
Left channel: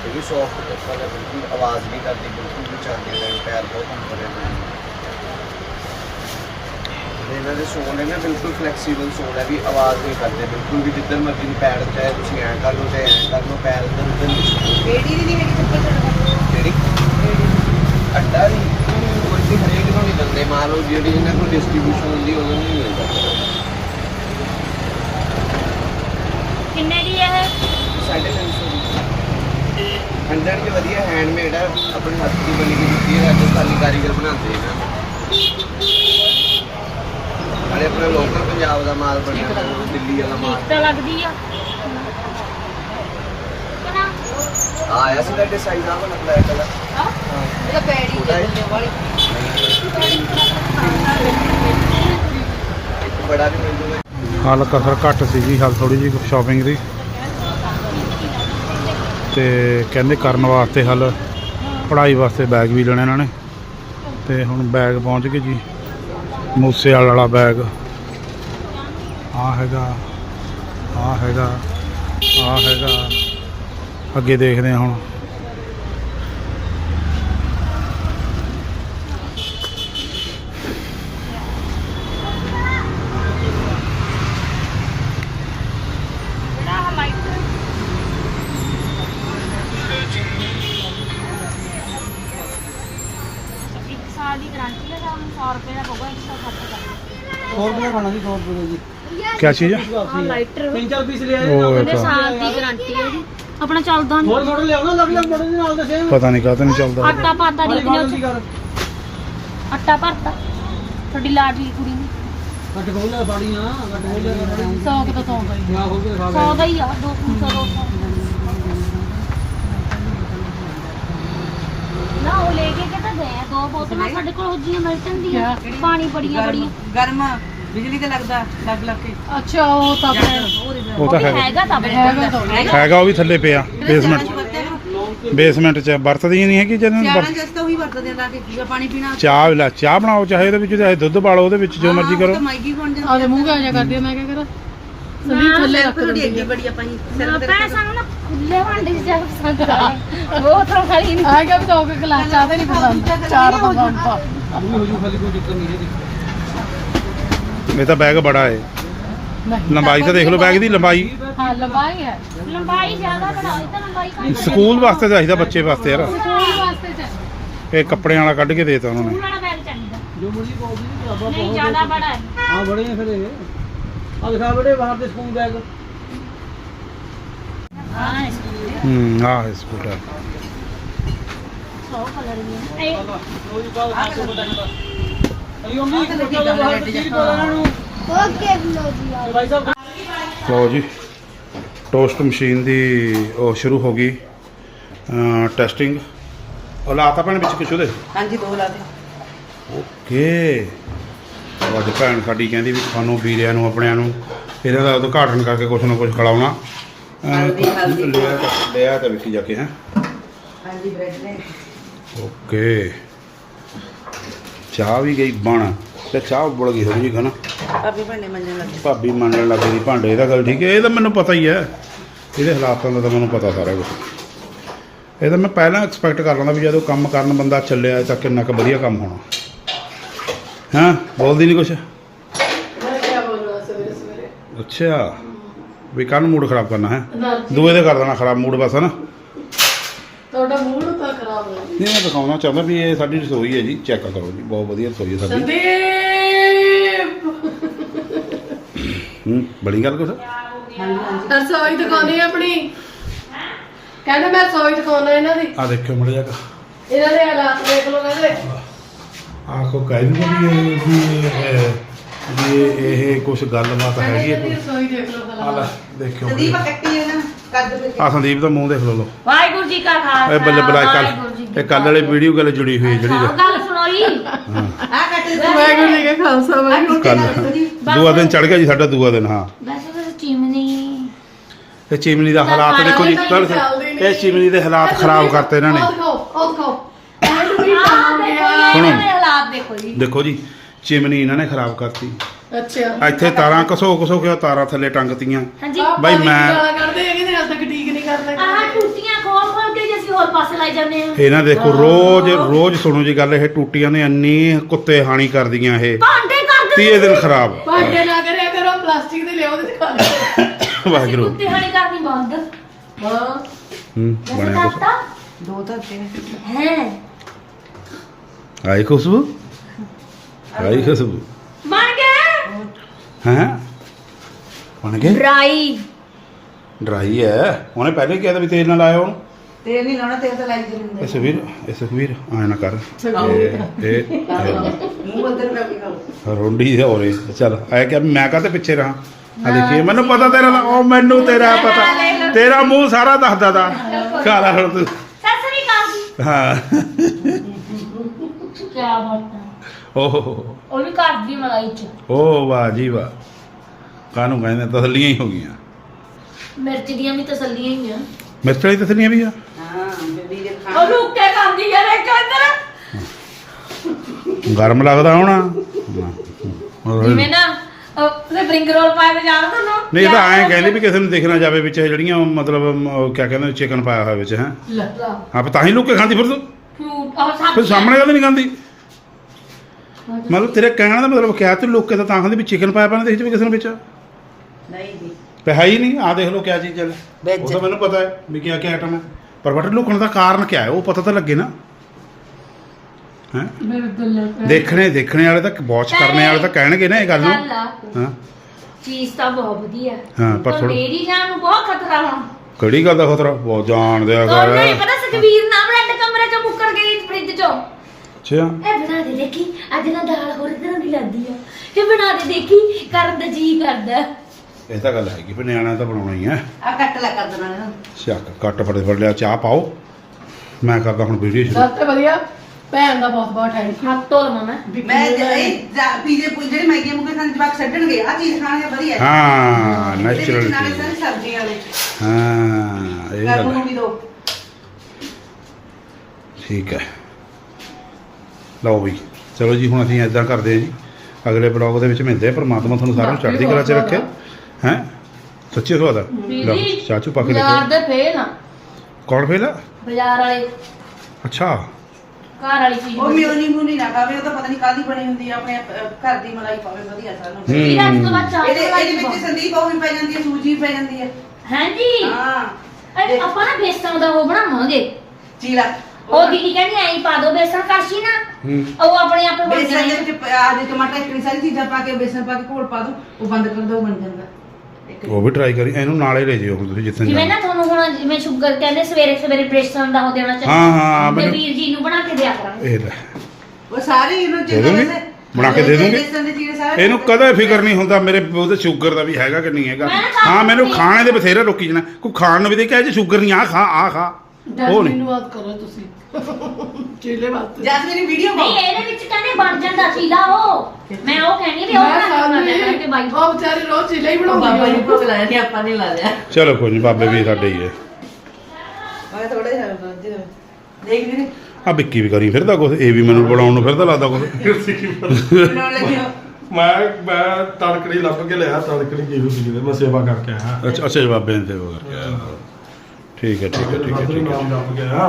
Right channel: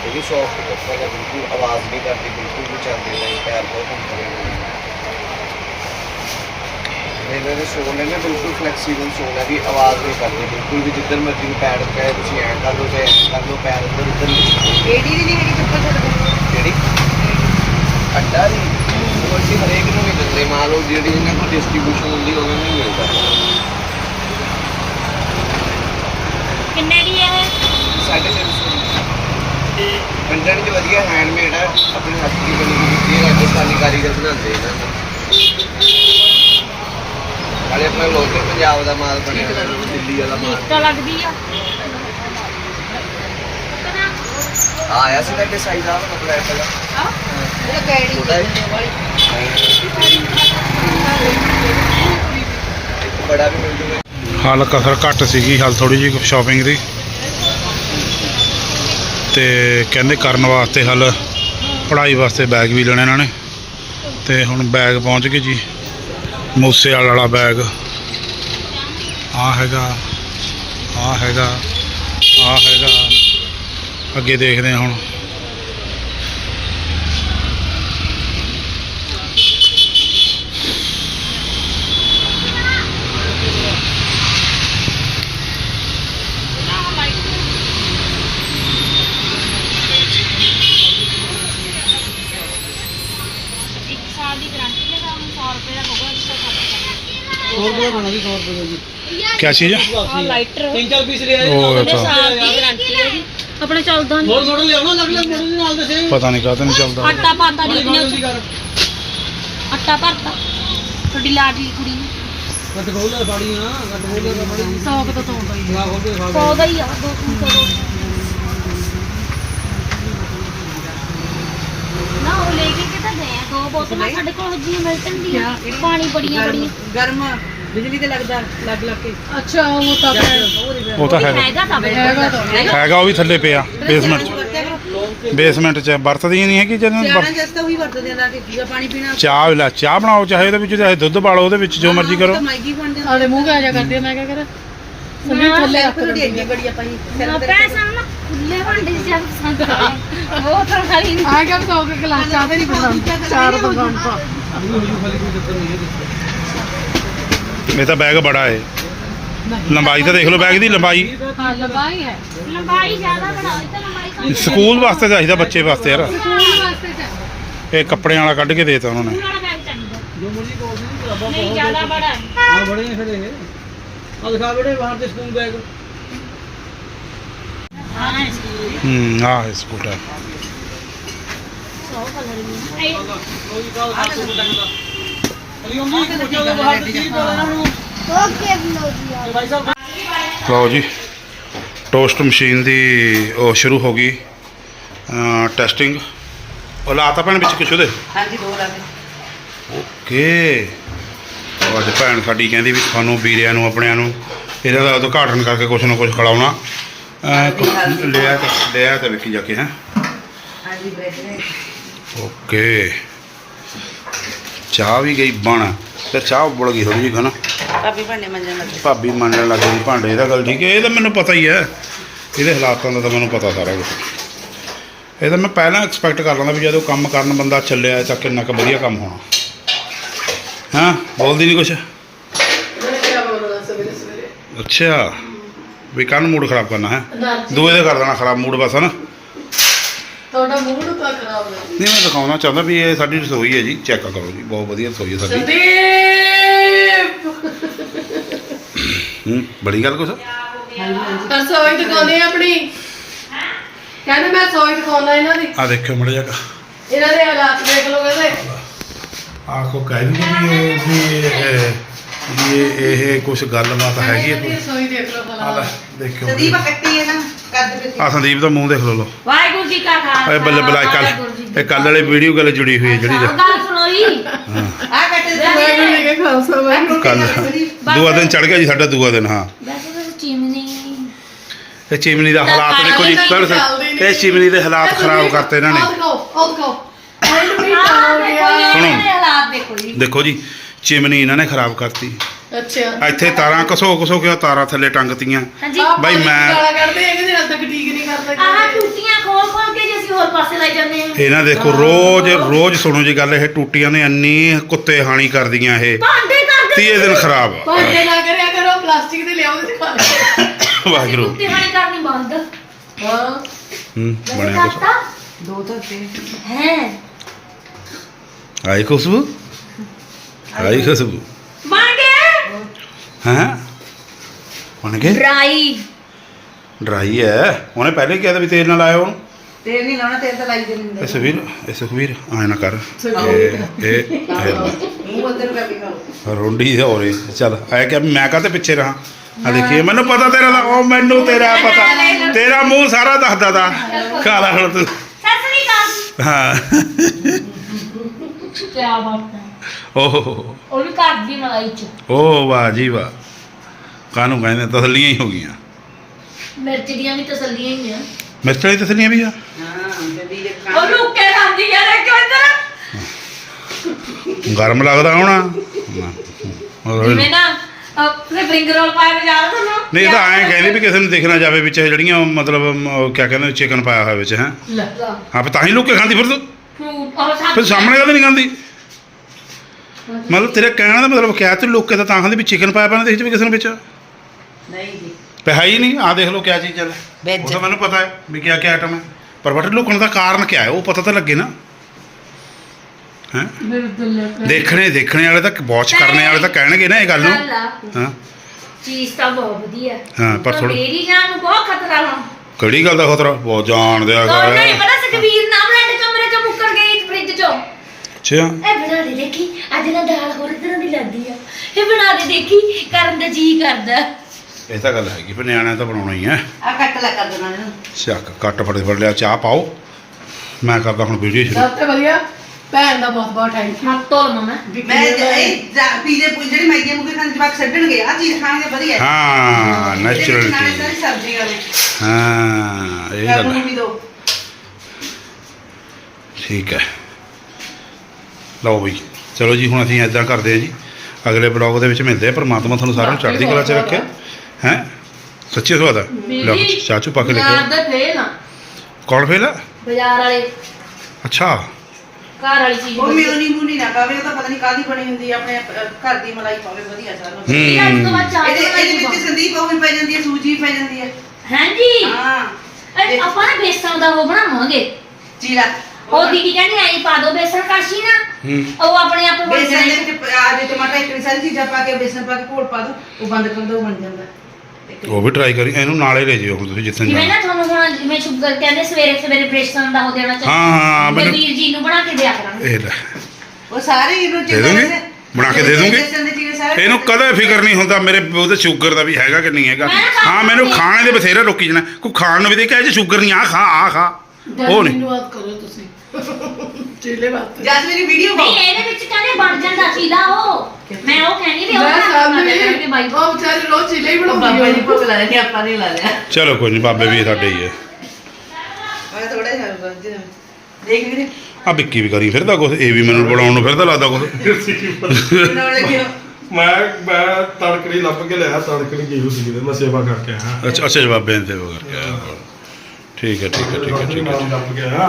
ਇਹ ਵੀ ਸੌਫਟ ਕੱਪੜਾ ਹੈ ਬਿਲਕੁਲ ਆਵਾਜ਼ ਨਹੀਂ ਕਰਦੀ ਬਿਲਕੁਲ ਵੀ ਚੱਲਦੀ ਨਹੀਂ ਪੈਰ ਬਹੁਤ ਕੰਫਰਟੇਬਲ ਹੈ ਇਹਨਾਂ ਦੇ ਸੋਲ ਹੈ ਨਾ ਬਿਲਕੁਲ ਫਲੈਕਸੀਬਲ ਸੋਲ ਹੈ ਵੀ ਆਵਾਜ਼ ਨਹੀਂ ਕਰਦੇ ਬਿਲਕੁਲ ਵੀ ਜਿੱਧਰ ਮਰਜ਼ੀ ਨੂੰ ਪੈਰ ਚਾਹੇ ਤੁਸੀਂ ਐਂ ਕਰ ਲਓ ਚਾਹੇ ਐਂ ਕਰ ਲਓ ਪੈਰ ਉੱਧਰ ਉੱਧਰ ਨਹੀਂ ਏਡੀ ਦੀ ਨਹੀਂ ਹੈਗੀ ਚੱਪਲ ਤੁਹਾਡੇ ਜਿਹੜੀ ਅੱਡਾ ਨਹੀਂ ਕੋਈ ਵੀ ਹਰੇਕ ਨੂੰ ਨਹੀਂ ਦਿੰਦੇ ਮੰਨ ਲਓ ਜਿਹੜੀ ਇਹਨਾਂ ਕੋਲ ਡਿਸਟ੍ਰੀਬਿਊਸ਼ਨ ਹੁੰਦੀ ਉਹਨਾਂ ਨੂੰ ਨਹੀਂ ਮਿਲਦਾ। ਕਿੰਨੇ ਦੀ ਹੈ ਇਹ? ਸਾਡੇ ਤਿੰਨ ਸੌ ਦੀ। ਹੰਡਰਡ ਚ ਵਧੀਆ ਹੈਂਡਮੇਡ ਹੈ ਆਪਣੇ ਹੱਥ ਦੀ ਬਣੀ ਹੋਈ ਹੈ ਰਾਜਸਥਾਨੀ ਕਾਰੀਗਰ ਬਣਾਉਂਦੇ ਇਹਨਾਂ ਨੂੰ। ਨਾਲੇ ਆਪਣਾ ਲੋਕਲ ਪੰਜਾਬ ਦਾ ਮਾਲ ਬਣਿਆ ਹੋਇਆ, ਦਿੱਲੀ ਵਾਲਾ ਮਾਲ। ਤਾਂ ਲੱਗਦੀ ਆ। ਆ ਆਇਆ ਸੀ ਤੁਹਾਡੇ ਸਾਈਜ਼ ਆ ਵਾਲਾ ਬਲੈਕ ਵਾਲਾ ਇਹਦਾ ਕੈਡੀ ਛੋਟਾ ਹੈ ਦਿੰਦੇ ਵਾਲੀ ਇੱਕ ਬੜਾ ਵੀ ਮਿਲ ਜੂਗਾ। ਹਾਲ ਕਸਰ ਘੱਟ ਸੀਗੀ ਹਾਲ ਥੋੜੀ ਜਿਹੀ ਸ਼ਾਪਿੰਗ ਦੀ। ਤੇ ਕਹਿੰਦੇ ਕਰਨ ਵਾਸਤੇ ਹਲ ਪੜ੍ਹਾਈ ਵਾਸਤੇ ਬੈਗ ਵੀ ਲੈਣੇ ਇਹਨਾਂ ਨੇ। ਤੇ ਹੁਣ ਬੈਗ ਪਹੁੰਚ ਗਏ ਜੀ। ਮੂਸੇ ਵਾਲਾ ਬੈਗ ਆ ਹੈਗਾ ਆ ਹੈਗਾ ਆ ਹੈਗਾ। ਅੱਗੇ ਦੇਖਦੇ ਹਾਂ ਹੁਣ ਇੱਕ ਸਾਲ ਦੀ ਗਾਰੰਟੀ ਹੈ ਤੁਹਾਨੂੰ 100 ਰੁਪਏ ਦਾ ਹੋਗਾ 160 ਹੋਰ ਕਿਹੜਾ ਖਾਣਾ ਸੀ 100 ਰੁਪਏ ਜੀ? ਕਿਆ ਚੀਜ਼ ਹੈ ਦਾ ਲਾਈਟਰ ਤਿੰਨ ਚਾਰ ਪੀਸ ਲਿਆ ਉਹ ਅੱਛਾ ਜੀ। ਆਪਣਾ ਚੱਲਦਾ ਨਹੀਂ ਮਾਡਲ ਲਿਆਉਣਾ ਅਲੱਗ ਅਲੱਗ ਮਾਡਲ ਦੇ ਨਾਲ ਦੇ ਸੇਮ ਪਤਾ ਨਹੀਂ ਕਾਹਤੇ ਨਹੀਂ ਚੱਲਦਾ। ਆਟਾ ਪਾਤਾ ਆਪਣੇ ਉੱਚ ਆਟਾ ਭਰਤਾ। ਤੁਹਾਡੀ ਲਾਡਲੀ ਕੁੜੀ ਨੇ। ਕੱਟ ਖੋਲ ਫਾੜੀਆਂ ਕੱਟ ਖੋਲ ਫਾੜੀ 100 ਕਿਤੋਂ ਤੋਂ ਗਈ। ਖਾ ਹੋ ਖਾ 100 ਦਾ ਹੀ ਆ ਦੋ ਤਿੰਨ ਸੌ ਦੋ ਸੌ। ਨਾ ਉਹ ਲੈ ਕੇ ਕਿਤਾ ਗਏ ਆ ਦੋ ਬੋਤਲਾਂ ਸਾਡੇ ਕੋਲ ਹਜੀਆਂ ਮਿਲ ਜਾਂਦੀਆਂ ਪਾਣੀ ਬੜੀਆਂ ਬੜੀਆਂ। ਗਰਮ ਬਿਜਲੀ ਤੇ ਲੱਗਦਾ ਲੱਗ ਲੱਗ ਕੇ। ਅੱਛਾ ਉਹ ਤਾਂ ਉਹ ਤਾਂ ਹੈਗਾ। ਹੈਗਾ ਤਾਂ। ਹੈਗਾ ਉਹ ਵੀ ਥੱਲੇ ਪਿਆ ਬੇਸਮੈਂਟ ਬੇਸਮੈਂਟ 'ਚ। ਵਰਤਦੀ ਨਹੀਂ ਹੈਗੀ ਜਦੋਂ ਸਿਆਣਾ ਜਸਤਾ ਉਹੀ ਵਰਤਦੇ ਆ ਲਾ ਕੇ ਪੀਆ ਪਾਣੀ ਪੀਣਾ। ਚਾਹ ਲੈ ਚਾਹ ਬਣਾਓ ਚਾਹੇ ਉਹਦੇ ਵਿੱਚ ਚਾਹੇ ਦੁੱਧ ਪਾਲੋ ਉਹਦੇ ਵਿੱਚ ਜੋ ਮਰਜ਼ੀ ਕਰੋ। ਮੈਗੀ ਬਣ ਜਾਂਦੀ ਆਦੇ ਮੂੰਹ ਕਿਹਾ ਜਾ ਕਰਦੀ ਆ, ਮੈਂ ਕਿਹਾ ਕਰਾਂ। ਸੰਦੀਪ ਥੱਲੇ ਰੱਖ ਦਿੰਦੀ ਅੱਗੇ ਬੜੀ ਆਪਾਂ ਹੀ ਸਿਰ ਮੈਂ ਤੇ ਪੈਸਾ ਨਾ ਖੁੱਲੇ ਭਾਂਡੇ ਚ ਜਾ ਪਸੰਦ ਕਰੇ ਉਹ ਤਾਂ ਖਾਲੀ ਨਹੀਂ। ਆ ਗਿਆ ਬਤਾਓ ਕਿ ਗਲਾਸ ਚਾਹ ਦੇ ਨਹੀਂ ਪਸੰਦ। ਚਾਰ ਪਸੰਦ ਤਾਂ ਅਭੀ ਹੋ ਜੂ ਖਾਲੀ ਕੋਈ ਚੱਕਰ ਨਹੀਂ ਹੈ ਇਹ ਤਾਂ ਬੈਗ ਬੜਾ ਏ। ਲੰਬਾਈ ਤਾਂ ਦੇਖ ਲਓ ਬੈਗ ਦੀ ਲੰਬਾਈ। ਹਾਂ ਲੰਬਾਈ ਹੈ। ਲੰਬਾਈ ਜ਼ਿਆਦਾ ਬਣਾਓ ਤੇ ਲੰਬਾਈ ਕਮ ਸਕੂਲ ਵਾਸਤੇ ਚਾਹੀਦਾ ਬੱਚੇ ਵਾਸਤੇ ਯਾਰ। ਸਕੂਲ ਵਾਸਤੇ ਚਾਹੀਦਾ। ਇਹ ਕੱਪੜਿਆਂ ਵਾਲਾ ਕੱਢ ਕੇ ਦੇਤਾ ਉਹਨਾਂ ਨੇ। ਮੇਰਾ ਬੈਗ ਚਾਹੀਦਾ। ਜੋ ਮਰਜ਼ੀ ਕੋਲ ਨਹੀਂ ਜ਼ਿਆਦਾ ਬੜਾ ਹੈ। ਹਾਂ ਬੜੇ ਨੇ ਫਿਰ ਇਹ। ਆ ਦਿਖਾ ਬੜੇ ਬਾਹਰ ਦੇ ਸਕੂਲ ਬੈਗ। ਹਾਂ ਹੂੰ। ਆਹ ਹੈ। ਸਕੂਟਰ ਸੌ ਕਲਰ ਵੀ ਹੈ ਇਹ ਕੋਈ ਗੱਲ ਆ ਟੰਗਦਾ ਅਲੀ ਉਹਨੇ ਇੱਕ ਬੱਚਾ ਦੇ ਬਾਹਰ ਦੇ 30 ਰੁਪਏ ਇਹਨਾਂ ਨੂੰ ਓਕੇ ਬਲੋ ਜੀ ਭਾਈ ਸਾਹਿਬ ਲਓ ਜੀ ਟੋਸਟ ਮਸ਼ੀਨ ਦੀ ਉਹ ਸ਼ੁਰੂ ਹੋ ਗਈ ਟੈਸਟਿੰਗ ਉਹ ਲਾਤਾ ਭੈਣ ਵਿੱਚ ਕੁਛ ਉਹਦੇ ਹਾਂਜੀ ਦੋ ਲੱਗ ਓਕੇ। ਉਹ ਅੱਜ ਭੈਣ ਸਾਡੀ ਕਹਿੰਦੀ ਵੀ ਤੁਹਾਨੂੰ ਵੀਰਿਆਂ ਨੂੰ ਆਪਣਿਆਂ ਨੂੰ ਇਹਨਾਂ ਦਾ ਉਦਘਾਟਨ ਕਰਕੇ ਕੁਛ ਨਾ ਕੁਛ ਖਿਲਾਉਣਾ। ਲਿਆ ਤਾਂ ਲਿਆ ਤਾਂ ਵਿੱਕੀ ਜਾ ਕੇ ਹੈ। ਹਾਂਜੀ ਨੇ ਓਕੇ। ਚਾਹ ਵੀ ਗਈ ਬਣ। ਤੇ ਚਾਹ ਉਬਲ ਗਈ ਥੋੜੀ ਜਿਹੀ ਹਨਾ? ਭਾਬੀ ਭਾਂਡੇ ਮੰਜਣ ਲੱਗੇ। ਭਾਬੀ ਮੰਨਣ ਲੱਗ ਗਈ ਭਾਂਡੇ ਦਾ ਗੱਲ ਠੀਕ ਹੈ ਇਹ ਤਾਂ ਮੈਨੂੰ ਪਤਾ ਹੀ ਹੈ। ਇਹਦੇ ਹਾਲਾਤਾਂ ਦਾ ਤਾਂ ਮੈਨੂੰ ਪਤਾ ਸਾਰਾ ਕੁਝ ਇਹ ਤਾਂ ਮੈਂ ਪਹਿਲਾਂ ਐਕਸਪੈਕਟ ਕਰ ਲੈਂਦਾ ਵੀ ਜਦੋਂ ਕੰਮ ਕਰਨ ਬੰਦਾ ਚੱਲਿਆ ਤਾਂ ਕਿੰਨਾ ਕੁ ਵਧੀਆ ਕੰਮ ਹੋਣਾ। ਹਾਂ? ਬੋਲਦੀ ਨਹੀਂ ਕੁਛ? ਅੱਛਾ। ਵੀ ਕੱਲ ਮੂਡ ਖਰਾਬ ਕਰਨਾ ਹੈ? ਦੂਏ ਦੇ ਕਰ ਦੇਣਾ ਖਰਾਬ ਮੂਡ ਬਸ ਹਨਾ? ਤੁਹਾਡਾ ਮੂਡ ਤਾਂ ਖਰਾਬ ਹੈ ਨਹੀਂ ਮੈਂ ਦਿਖਾਉਣਾ ਚਾਹੁੰਦਾ ਵੀ ਇਹ ਸਾਡੀ ਰਸੋਈ ਹੈ ਜੀ। ਚੈੱਕ ਕਰੋ ਜੀ ਬਹੁਤ ਵਧੀਆ ਰਸੋਈ ਹੈ ਸਾਡੀ। ਸੰਦੀਪ! ਹੂੰ ਬੜੀ ਗੱਲ ਕੁਛ? ਰਸੋਈ ਦਿਖਾਉਣੀ ਆਪਣੀ। ਕਹਿੰਦੇ ਮੈਂ ਰਸੋਈ ਦਿਖਾਉਣਾ ਇਹਨਾਂ ਦੀ। ਆ ਦੇਖਿਓ ਮੜ ਜਾ ਇਹਨਾਂ ਦੇ ਹਾਲਾਤ ਦੇਖ ਲਓ ਕਹਿੰਦੇ। ਆਖੋ ਕਹਿ ਵੀ ਇਹ ਵੀ ਇਹ ਵੀ ਇਹ ਇਹ ਕੁਝ ਗੱਲਬਾਤ ਹੈਗੀ ਹੈ ਕੋਈ? ਰਸੋਈ ਦੇਖ ਲਓ ਆ ਲੈ ਭਲਾ ਦੇਖਿਓ। ਸੰਦੀਪ ਆ ਕੱਟੀ ਹੈ ਨਾ। ਆ ਸੰਦੀਪ ਦਾ ਮੂੰਹ ਦੇਖ ਲਓ ਲੋ ਵਾਹਿਗੁਰੂ ਜੀ ਕਾ ਖਾਲਸਾ ਇਹ ਬੱਲੇ ਬੱਲੇ ਕੱਲ ਇਹ ਕੱਲ ਵਾਲੀ ਵੀਡੀਓ ਗੱਲ ਜੁੜੀ ਹੋਈ ਹੈ ਜਿਹੜੀ। ਗੱਲ ਸੁਣੋ ਜੀ। ਆ ਕੱਟੇ ਵਾਹਿਗੁਰੂ ਜੀ ਕੇ ਖਾਲਸਾ ਵਾਹਿਗੁਰੂ ਕੱਲ ਦੂਆ ਦਿਨ ਚੜ ਗਿਆ ਜੀ ਸਾਡਾ ਦੂਆ ਦਿਨ ਹਾਂ। ਵੈਸੇ ਤਾਂ ਚਿਮਨੀ। ਇਹ ਚਿਮਨੀ ਦਾ ਹਾਲਾਤ ਦੇਖੋ ਜੀ ਇਹ ਚਿਮਨੀ ਦੇ ਹਾਲਾਤ ਖਰਾਬ ਕਰਤੇ ਇਹਨਾਂ ਨੇ। ਸੁਣੋ। ਇਹਨਾਂ ਦੇ ਹਾਲਾਤ ਦੇਖੋ ਜੀ। ਦੇਖੋ ਜੀ ਚਿਮਨੀ ਇਹਨਾਂ ਨੇ ਖਰਾਬ ਕਰਤੀ। ਅੱਛਾ। ਇੱਥੇ ਤਾਰਾਂ ਕਸੋ ਕਸੋ ਕੇ ਉਹ ਤਾਰਾਂ ਥੱਲੇ ਟੰਗਤੀਆਂ। ਹਾਂਜੀ। ਆਹ ਮੈਂ- ਗਾਲਾਂ ਕੱਢਦੇ ਹੈਗੇ ਦਿਨ ਤੱਕ ਠੀਕ ਨਹੀਂ ਆਹ ਕਰਦੇ ਟੂਟੀਆਂ ਖੋਲ ਖੋਲ ਕੇ ਜੇ ਅਸੀਂ ਹੋਰ ਪਾਸੇ ਲੈ ਜਾਂਦੇ ਹਾਂ। ਇਹਨਾਂ ਦੇਖੋ ਰੋਜ਼ ਰੋਜ਼ ਸੁਣੋ ਜੀ ਗੱਲ ਇਹ ਟੂਟੀਆਂ ਨੇ ਇੰਨੀ ਕੁੱਤੇ ਹਾਨੀ ਕਰਦੀਆਂ ਇਹ। ਭਾਂਡੇ ਕਰਦੇ ਤੀਏ ਦਿਨ ਖਰਾਬ। ਭਾਂਡੇ ਨਾ ਕਰਿਆ ਕਰੋ ਪਲਾਸਟਿਕ ਦੇ ਲਿਆਓ ਤੇ ਖਾ ਲਓ। ਵਾਹਿਗੁਰੂ। ਟੁੱਟੀ ਹੋਣੀ ਕਰਨੀ ਬੰਦ। ਹਾਂ। ਹੂੰ ਬਣਿਆ ਕੁਛ? ਦੋ ਹੈ। ਆਈ ਖੁਸ਼ਬੂ? ਆਈ ਖੁਸ਼ਬੂ? ਹਾਂ? ਗਏ ਡਰਾਈ। ਡਰਾਈ ਹੈ। ਉਹਨੇ ਪਹਿਲੇ ਹੀ ਕਿਹਾ ਤਾਂ ਵੀ ਤੇਲ ਨਾਲ ਆਇਆ ਉਹਨੂੰ। ਤੇਲ ਨਹੀਂ ਲਾਉਣਾ ਤੇਲ ਤਾਂ ਲਾਈ ਦੇ ਇਹ ਸੁਖਵੀਰ ਇਹ ਸੁਖਵੀਰ ਆਏ ਨਾ ਕਰ। ਇਹ ਇਹ ਇਹ ਮੂੰਹ ਬੰਦਰ ਕਰ ਖਾਓ ਰੋਂਡੀ ਹੋਰੇ ਚੱਲ ਆਇਆ ਕਿ ਮੈਂ ਕਾਹਤੇ ਪਿੱਛੇ ਰਹਾ? ਆ ਦੇਖੀਏ ਮੈਨੂੰ ਪਤਾ ਤੇਰਾ ਦਾ ਉਹ ਮੈਨੂੰ ਤੇਰਾ ਪਤਾ। ਤੇਰਾ ਮੂੰਹ ਸਾਰਾ ਦੱਸਦਾ ਦਾ ਕਾਲਾ ਹੁਣ ਤੂੰ ਸਤਿ ਸ੍ਰੀ ਅਕਾਲ ਜੀ। ਹਾਂ। ਕੀ ਬਾਤ ਹੈ। ਓਹ। ਉਹ ਵੀ ਘਰ ਦੀ ਮਲਾਈ ਚ। ਓ ਵਾਹ ਜੀ ਵਾਹ। ਕਾਨੂੰ ਕਹਿੰਦੇ ਤਸਲੀਆਂ ਹੀ ਹੋ ਗਈਆਂ। ਮਿਰਚ ਦੀਆਂ ਵੀ ਤਸੱਲੀਆਂ ਹੀ ਆ। ਮਿਰਚ ਵਾਲੀ ਤਸਲੀਆਂ ਵੀ ਆ? ਹਾਂ ਜਦੀ ਦੇ ਉਹ ਖਾਣ ਲੁੱਕ ਕੇ ਖਾਂਦੀ ਆ ਲੈ ਕੇ ਅੰਦਰ। ਗਰਮ ਲੱਗਦਾ ਹੋਣਾ। ਹੋਰ- ਜਿਵੇਂ ਨਾ ਉਹ ਬ੍ਰਿੰਗ ਰੋਲ ਪਾਇਆ ਬਜਾ ਤੁਹਾਨੂੰ ਨਹੀਂ ਇਹ ਤਾਂ ਐਂ ਕਹਿੰਦੇ ਵੀ ਕਿਸੇ ਨੂੰ ਦੇਖਣਾ ਜਾਵੇ ਵਿੱਚ ਇਹ ਜਿਹੜੀਆਂ ਮਤਲਬ ਕੀ ਕਹਿੰਦੇ ਚਿਕਨ ਪਾਇਆ ਹੋਇਆ ਵਿੱਚ ਹੈ। ਲੈ ਹਾਂ ਫਿਰ ਤਾਂ ਹੀ ਲੁੱਕ ਕੇ ਖਾਂਦੀ ਫਿਰ ਤੂੰ। ਫਰੂਟ ਫਿਰ ਸਾਹਮਣੇ ਕਦੇ ਨਹੀਂ ਖਾਂਦੀ। ਮਤਲਬ ਤੇਰੇ ਕਹਿਣ ਦਾ ਮਤਲਬ ਕਿਆ ਤੂੰ ਲੁੱਕ ਤਾਂ ਤਾਂ ਖਾਂਦੀ ਵੀ ਚਿਕਨ ਪਾਇਆ ਪਾਇਆ ਦੇਖ ਵੀ ਕਿਸੇ ਨੂੰ ਵਿੱਚ? ਨਹੀਂ ਜੀ। ਤੇ ਹੈ ਹੀ ਨਹੀਂ। ਆ ਦੇਖ ਲਓ ਕਿਆ ਚੀਜ਼ ਹੈ ਵਿੱਚ। ਉਹ ਤਾਂ ਮੈਨੂੰ ਪਤਾ ਹੈ ਵੀ ਕਿਆ ਕਿਆ ਆਈਟਮ ਹੈ। ਪਰ ਬਟ ਲੁਕਣ ਦਾ ਕਾਰਨ ਕਿਆ ਹੈ? ਉਹ ਪਤਾ ਤਾਂ ਲੱਗੇ ਨਾ। ਹੈ? ਦੇਖਣੇ ਦੇਖਣੇ ਵਾਲੇ ਤਾਂ ਵਾਚ ਕਰਨੇ ਵਾਲੇ ਤਾਂ ਕਹਿਣਗੇ ਨਾ ਇਹ ਗੱਲ ਨੂੰ। ਹਾਂ। ਚੀਜ਼ ਤਾਂ ਬਹੁਤ ਵਧੀਆ। ਹਾਂ, ਪਰ ਥੋੜ੍ਹਾ- ਮੇਰੀ ਜਾਨ ਨੂੰ ਬਹੁਤ ਖਤਰਾ ਵਾ ਕਿਹੜੀ ਗੱਲ ਦਾ ਖਤਰਾ? ਬਹੁਤ ਜਾਣਦੇ ਆ ਤੁਹਾਨੂੰ ਨਹੀਂ ਕਰ ਪਤਾ ਸੁਖਵੀਰ ਨਾਮ ਸਾਡੇ ਕਮਰੇ ਚੋਂ ਮੁੱਕਰ ਗਈ ਫ੍ਰਿਜ ਚੋਂ। ਅੱਛਾ। ਇਹ ਬਣਾ ਦੇ ਦੇਖੀ ਅੱਜ ਨਾ ਦਾਲ ਹੋਰ ਤਰ੍ਹਾਂ ਦੀ ਲੱਗਦੀ ਆ। ਇਹ ਬਣਾ ਦੇ ਦੇਖੀ ਕਰਨ ਦਾ ਜੀ ਕਰਦਾ। ਇਹ ਤਾਂ ਗੱਲ ਹੈਗੀ ਪਰ ਨਿਆਣਿਆਂ ਤਾਂ ਬਣਾਉਣਾ ਹੀ ਹੈ ਆ ਕੱਟ ਲੈ ਕਰ ਦੇਣਾ ਇਹਨੂੰ। ਸਿਆਕ ਕੱਟ ਫੜੇ ਫੜ ਲਿਆ ਚਾਹ ਪਾਓ। ਮੈਂ ਕਰਦਾ ਹੁਣ ਵੀਡੀਓ ਸ਼ੁਰੂ। ਸਭ ਤੋਂ ਵਧੀਆ। ਭੈਣ ਦਾ ਬਹੁਤ ਬਹੁਤ ਥੈਂਕ ਯੂ ਹੱਥ ਧੋਲ ਮਮਾ ਮੈਂ। ਇਹ ਜਾ- ਪੀਜ਼ੇ ਪੂਜੇ ਜਿਹੜੇ ਮੈਗੀਆਂ ਮੁਕੇ ਖਾਣ ਜਵਾਕ ਛੱਡਣਗੇ ਆ ਚੀਜ਼ ਖਾਣਗੇ ਵਧੀਆ। ਹੈ। ਵਿੱਚ ਨਾਲੇ ਸਾਰੀ ਸਬਜ਼ੀ ਵਾਲੇ ਹਾਂ ਇਹ ਗੱਲ ਨੂੰ ਹੈ। ਵੀ ਦੋ। ਠੀਕ ਹੈ। ਲਓ ਬਈ। ਚਲੋ ਜੀ ਹੁਣ ਅਸੀਂ ਐਦਾਂ ਕਰਦੇ ਹਾਂ ਜੀ। ਅਗਲੇ ਬਲੌਗ ਦੇ ਵਿੱਚ ਮਿਲਦੇ ਆ ਪਰਮਾਤਮਾ ਤੁਹਾਨੂੰ ਸਾਰਿਆਂ ਨੂੰ ਚੜ੍ਹਦੀ ਕਲਾ 'ਚ ਰੱਖੇ। ਹੈ? ਸੱਚੀ ਸਵਾਦ ਆ? ਲਓ ਚਾਚੂ ਪਾ ਕੇ ਲੈ ਬਾਜ਼ਾਰ ਦੇ ਫੇਲ ਆ। ਕੌਣ ਫੇਲ ਆ? ਬਾਜ਼ਾਰ ਵਾਲੇ। ਅੱਛਾ। ਘਰ ਵਾਲੀ ਚੀਜ਼ ਉਹ ਮਿਉਨੀ ਮੂਨੀ ਨਾ ਪਾਵੇ ਉਹ ਤਾਂ ਪਤਾ ਨਹੀਂ ਕਾਦੀ ਬਣੀ ਹੁੰਦੀ ਹੈ ਆਪਣੇ ਅਹ, ਘਰ ਦੀ ਮਲਾਈ ਪਾਵੇ ਵਧੀਆ ਸਾਨੂੰ ਇਹ ਅੱਜ ਤੋਂ ਹੂੰ ਬਾਅਦ ਚਾਹ ਇਹਦੇ ਇਹਦੇ ਵਿੱਚ ਸੰਦੀਪ ਉਹ ਵੀ ਪੈ ਜਾਂਦੀ ਹੈ ਸੂਜੀ ਵੀ ਪੈ ਜਾਂਦੀ ਹੈ ਹਾਂਜੀ ਹਾਂ। ਇਹ ਆਪਾਂ ਨਾ ਬੇਸਣ ਦਾ ਉਹ ਬਣਾਵਾਂਗੇ। ਚੀਲਾ ਉਹ ਦੀਦੀ ਕਹਿੰਦੀ ਐਂ ਪਾ ਦੋ ਬੇਸਣ ਕਾਸ਼ੀ ਨਾ। ਹੂੰ। ਉਹ ਆਪਣੇ ਆਪ ਬਣ ਬੇਸਨ ਦੇ ਜਾਏ ਵਿੱਚ ਆਲੂ ਟਮਾਟਰ ਇੱਕ ਸਾਰੀ ਚੀਜ਼ਾਂ ਪਾ ਕੇ ਬੇਸਨ ਪਾ ਕੇ ਘੋਲ ਪਾ ਦੋ ਉਹ ਬੰਦ ਕਰ ਦੋ ਬਣ ਜਾਂਦਾ। ਉਹ ਵੀ ਟਰਾਈ ਕਰੀ ਇਹਨੂੰ ਨਾਲੇ ਲੈ ਜਿਓ ਹੁਣ ਤੁਸੀਂ ਜਿੱਥੇ ਜਿਵੇਂ ਜਾਣਾ। ਨਾ ਤੁਹਾਨੂੰ ਹੁਣ ਜਿਵੇਂ ਸ਼ੂਗਰ ਕਹਿੰਦੇ ਸਵੇਰੇ ਸਵੇਰੇ ਬੇਸਣ ਦਾ ਹੋ ਦੇਣਾ ਚਾਹੀਦਾ ਹਾਂ, ਹਾਂ, ਮੈਨੂੰ- ਵੀਰ ਜੀ ਨੂੰ ਬਣਾ ਕੇ ਦਿਆ ਕਰਾਂਗੇ। ਇਹ ਲੈ। ਉਹ ਸਾਰੇ ਇਹਨੂੰ ਦੇ ਦੂੰਗੀ? ਬਣਾ ਕੇ ਦੇ ਦੂੰਗੀ? ਬੇਸਨ ਦੀ ਚੀਜ਼ ਸਾਰੇ ਇਹਨੂੰ ਕਦੇ ਫਿਕਰ ਨਹੀਂ ਹੁੰਦਾ ਮੇਰੇ ਉਹਦੇ ਸ਼ੂਗਰ ਦਾ ਵੀ ਹੈਗਾ ਕਿ ਨਹੀਂ ਹੈਗਾ। ਹਾਂ ਮੈਨੂੰ ਖਾਣੇ ਦੇ ਬਥੇਰੇ ਰੋਕੀ ਜਣਾ। ਕੋਈ ਖਾਣ ਨੂੰ ਵੀ ਦੇ ਕਹੇ ਜੇ ਸ਼ੂਗਰ ਨਹੀਂ ਆ ਖਾ ਆ ਖਾ। ਉਹ ਨਹੀਂ। ਧੰਨਵਾਦ ਕਰੋ ਤੁਸੀਂ। ਚੀਲੇ ਵਾਸਤੇ ਜਦ ਮੇਰੀ ਵੀਡੀਓ ਨਹੀਂ ਇਹਦੇ ਵਿੱਚ ਕਹਿੰਦੇ ਬਣ ਜਾਂਦਾ ਚੀਲਾ ਉਹ। ਮੈਂ ਉਹ ਕਹਿੰਦੀ ਵੀ ਉਹ ਮੈਂ ਬਣਾ ਸਾਹਮਣੇ ਕੇ ਬਾਈ। ਉਹ ਵਿਚਾਰੀ ਰੋਜ਼ ਚੀਲੇ ਹੀ ਬਾਬਾ ਜੀ ਭੋਗ ਲਾਇਆ ਨਹੀਂ ਆਪਾਂ ਨਹੀਂ ਲਾ ਲਿਆ। ਚਲੋ ਕੋਈ ਨਹੀਂ ਬਾਬੇ ਵੀ ਸਾਡੇ ਹੀ ਹੈ ਮੈਂ ਥੋੜਾ ਜਿਹਾ ਬੰਦ ਦੇਖ ਵੀਰੇ। ਆ ਵਿੱਕੀ ਵੀ ਕਰੀ ਫਿਰਦਾ ਕੁਛ ਇਹ ਵੀ ਮੈਨੂੰ ਬਣਾਉਣ ਨੂੰ ਫਿਰਦਾ ਲੱਗਦਾ ਕੁਛ। ਬਣਾਉਣ ਲੱਗੇ ਹੋ। ਮੈਂ ਮੈਂ ਤੜਕੜੀ ਲੱਭ ਕੇ ਲਿਆ ਤੜਕੜੀ ਗਈ ਹੋਈ ਸੀ ਮੈਂ ਸੇਵਾ ਕਰਕੇ ਆਇਆ। ਅੱਛਾ ਅੱਛਾ ਬਾਬੇ ਨੇ ਸੇਵਾ ਕਰਕੇ ਆਇਆ। ਠੀਕ ਹੈ ਠੀਕ ਹੈ ਠੀਕ ਹੈ ਠੀਕ ਹੈ। ਨਾਮ ਲੱਭ ਕੇ ਆਇਆ।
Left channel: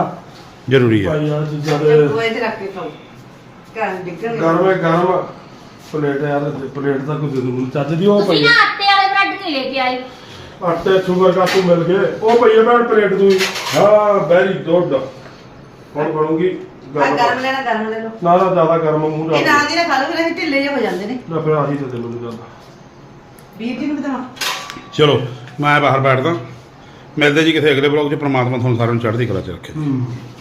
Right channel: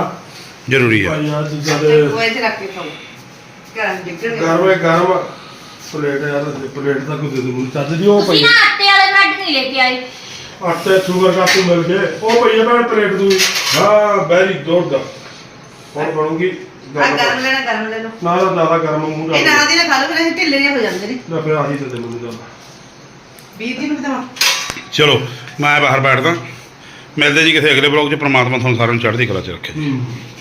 ਜ਼ਰੂਰੀ ਹੈ ਭਾਈ ਆ ਚੀਜ਼ਾਂ ਦੇ ਉਹ ਇੱਥੇ ਰੱਖ ਕੇ ਖਾਓ। ਘਰ ਡਿੱਗਣ ਗਰਮ ਹੈ ਗਰਮ ਪਲੇਟ ਯਾਰ ਪਲੇਟ ਤਾਂ ਕੋਈ ਦੇ ਦੋ ਮੈਨੂੰ ਚੱਜ ਦੀ ਉਹ ਤੁਸੀਂ ਪਈ ਨਾ ਆਟੇ ਵਾਲੇ ਬ੍ਰੈਡ ਨਹੀਂ ਲੈ ਕੇ ਆਏ। ਆਟੇ ਸ਼ੂਗਰ ਕਾਪੂ ਮਿਲ ਗਏ। ਉਹ ਪਈ ਹੈ ਭੈਣ ਪਲੇਟ ਦੂਈ ਹਾਂ ਵੈਰੀ ਗੁੱਡ ਹੁਣ ਬਣੂਗੀ? ਆ ਗਰਮ ਗਰਮ ਲੈਣਾ ਗਰਮ ਲੈ ਲਓ। ਨਾ ਨਾ ਜ਼ਿਆਦਾ ਗਰਮ ਮੂੰਹ ਇਹ ਨਾਲ ਨਾਲ ਦੀ ਨਾ ਖਾ ਲਓ ਫਿਰ ਇਹ ਢਿੱਲੇ ਜਿਹੇ ਹੋ ਜਾਂਦੇ ਨੇ। ਨਾ ਫਿਰ ਆਹੀ ਤੇ ਦੇ ਮੈਨੂੰ ਜ਼ਿਆਦਾ। ਵੀਰ ਜੀ ਨੂੰ ਬਤਾਵਾ ਚਲੋ ਮੈਂ ਬਾਹਰ ਬੈਠਦਾ। ਮਿਲਦੇ ਜੀ ਕਿਸੇ ਅਗਲੇ ਬਲੌਗ 'ਚ ਪ੍ਰਮਾਤਮਾ ਤੁਹਾਨੂੰ ਸਾਰਿਆਂ ਨੂੰ ਚੜ੍ਹਦੀ ਕਲਾ 'ਚ ਰੱਖੇ।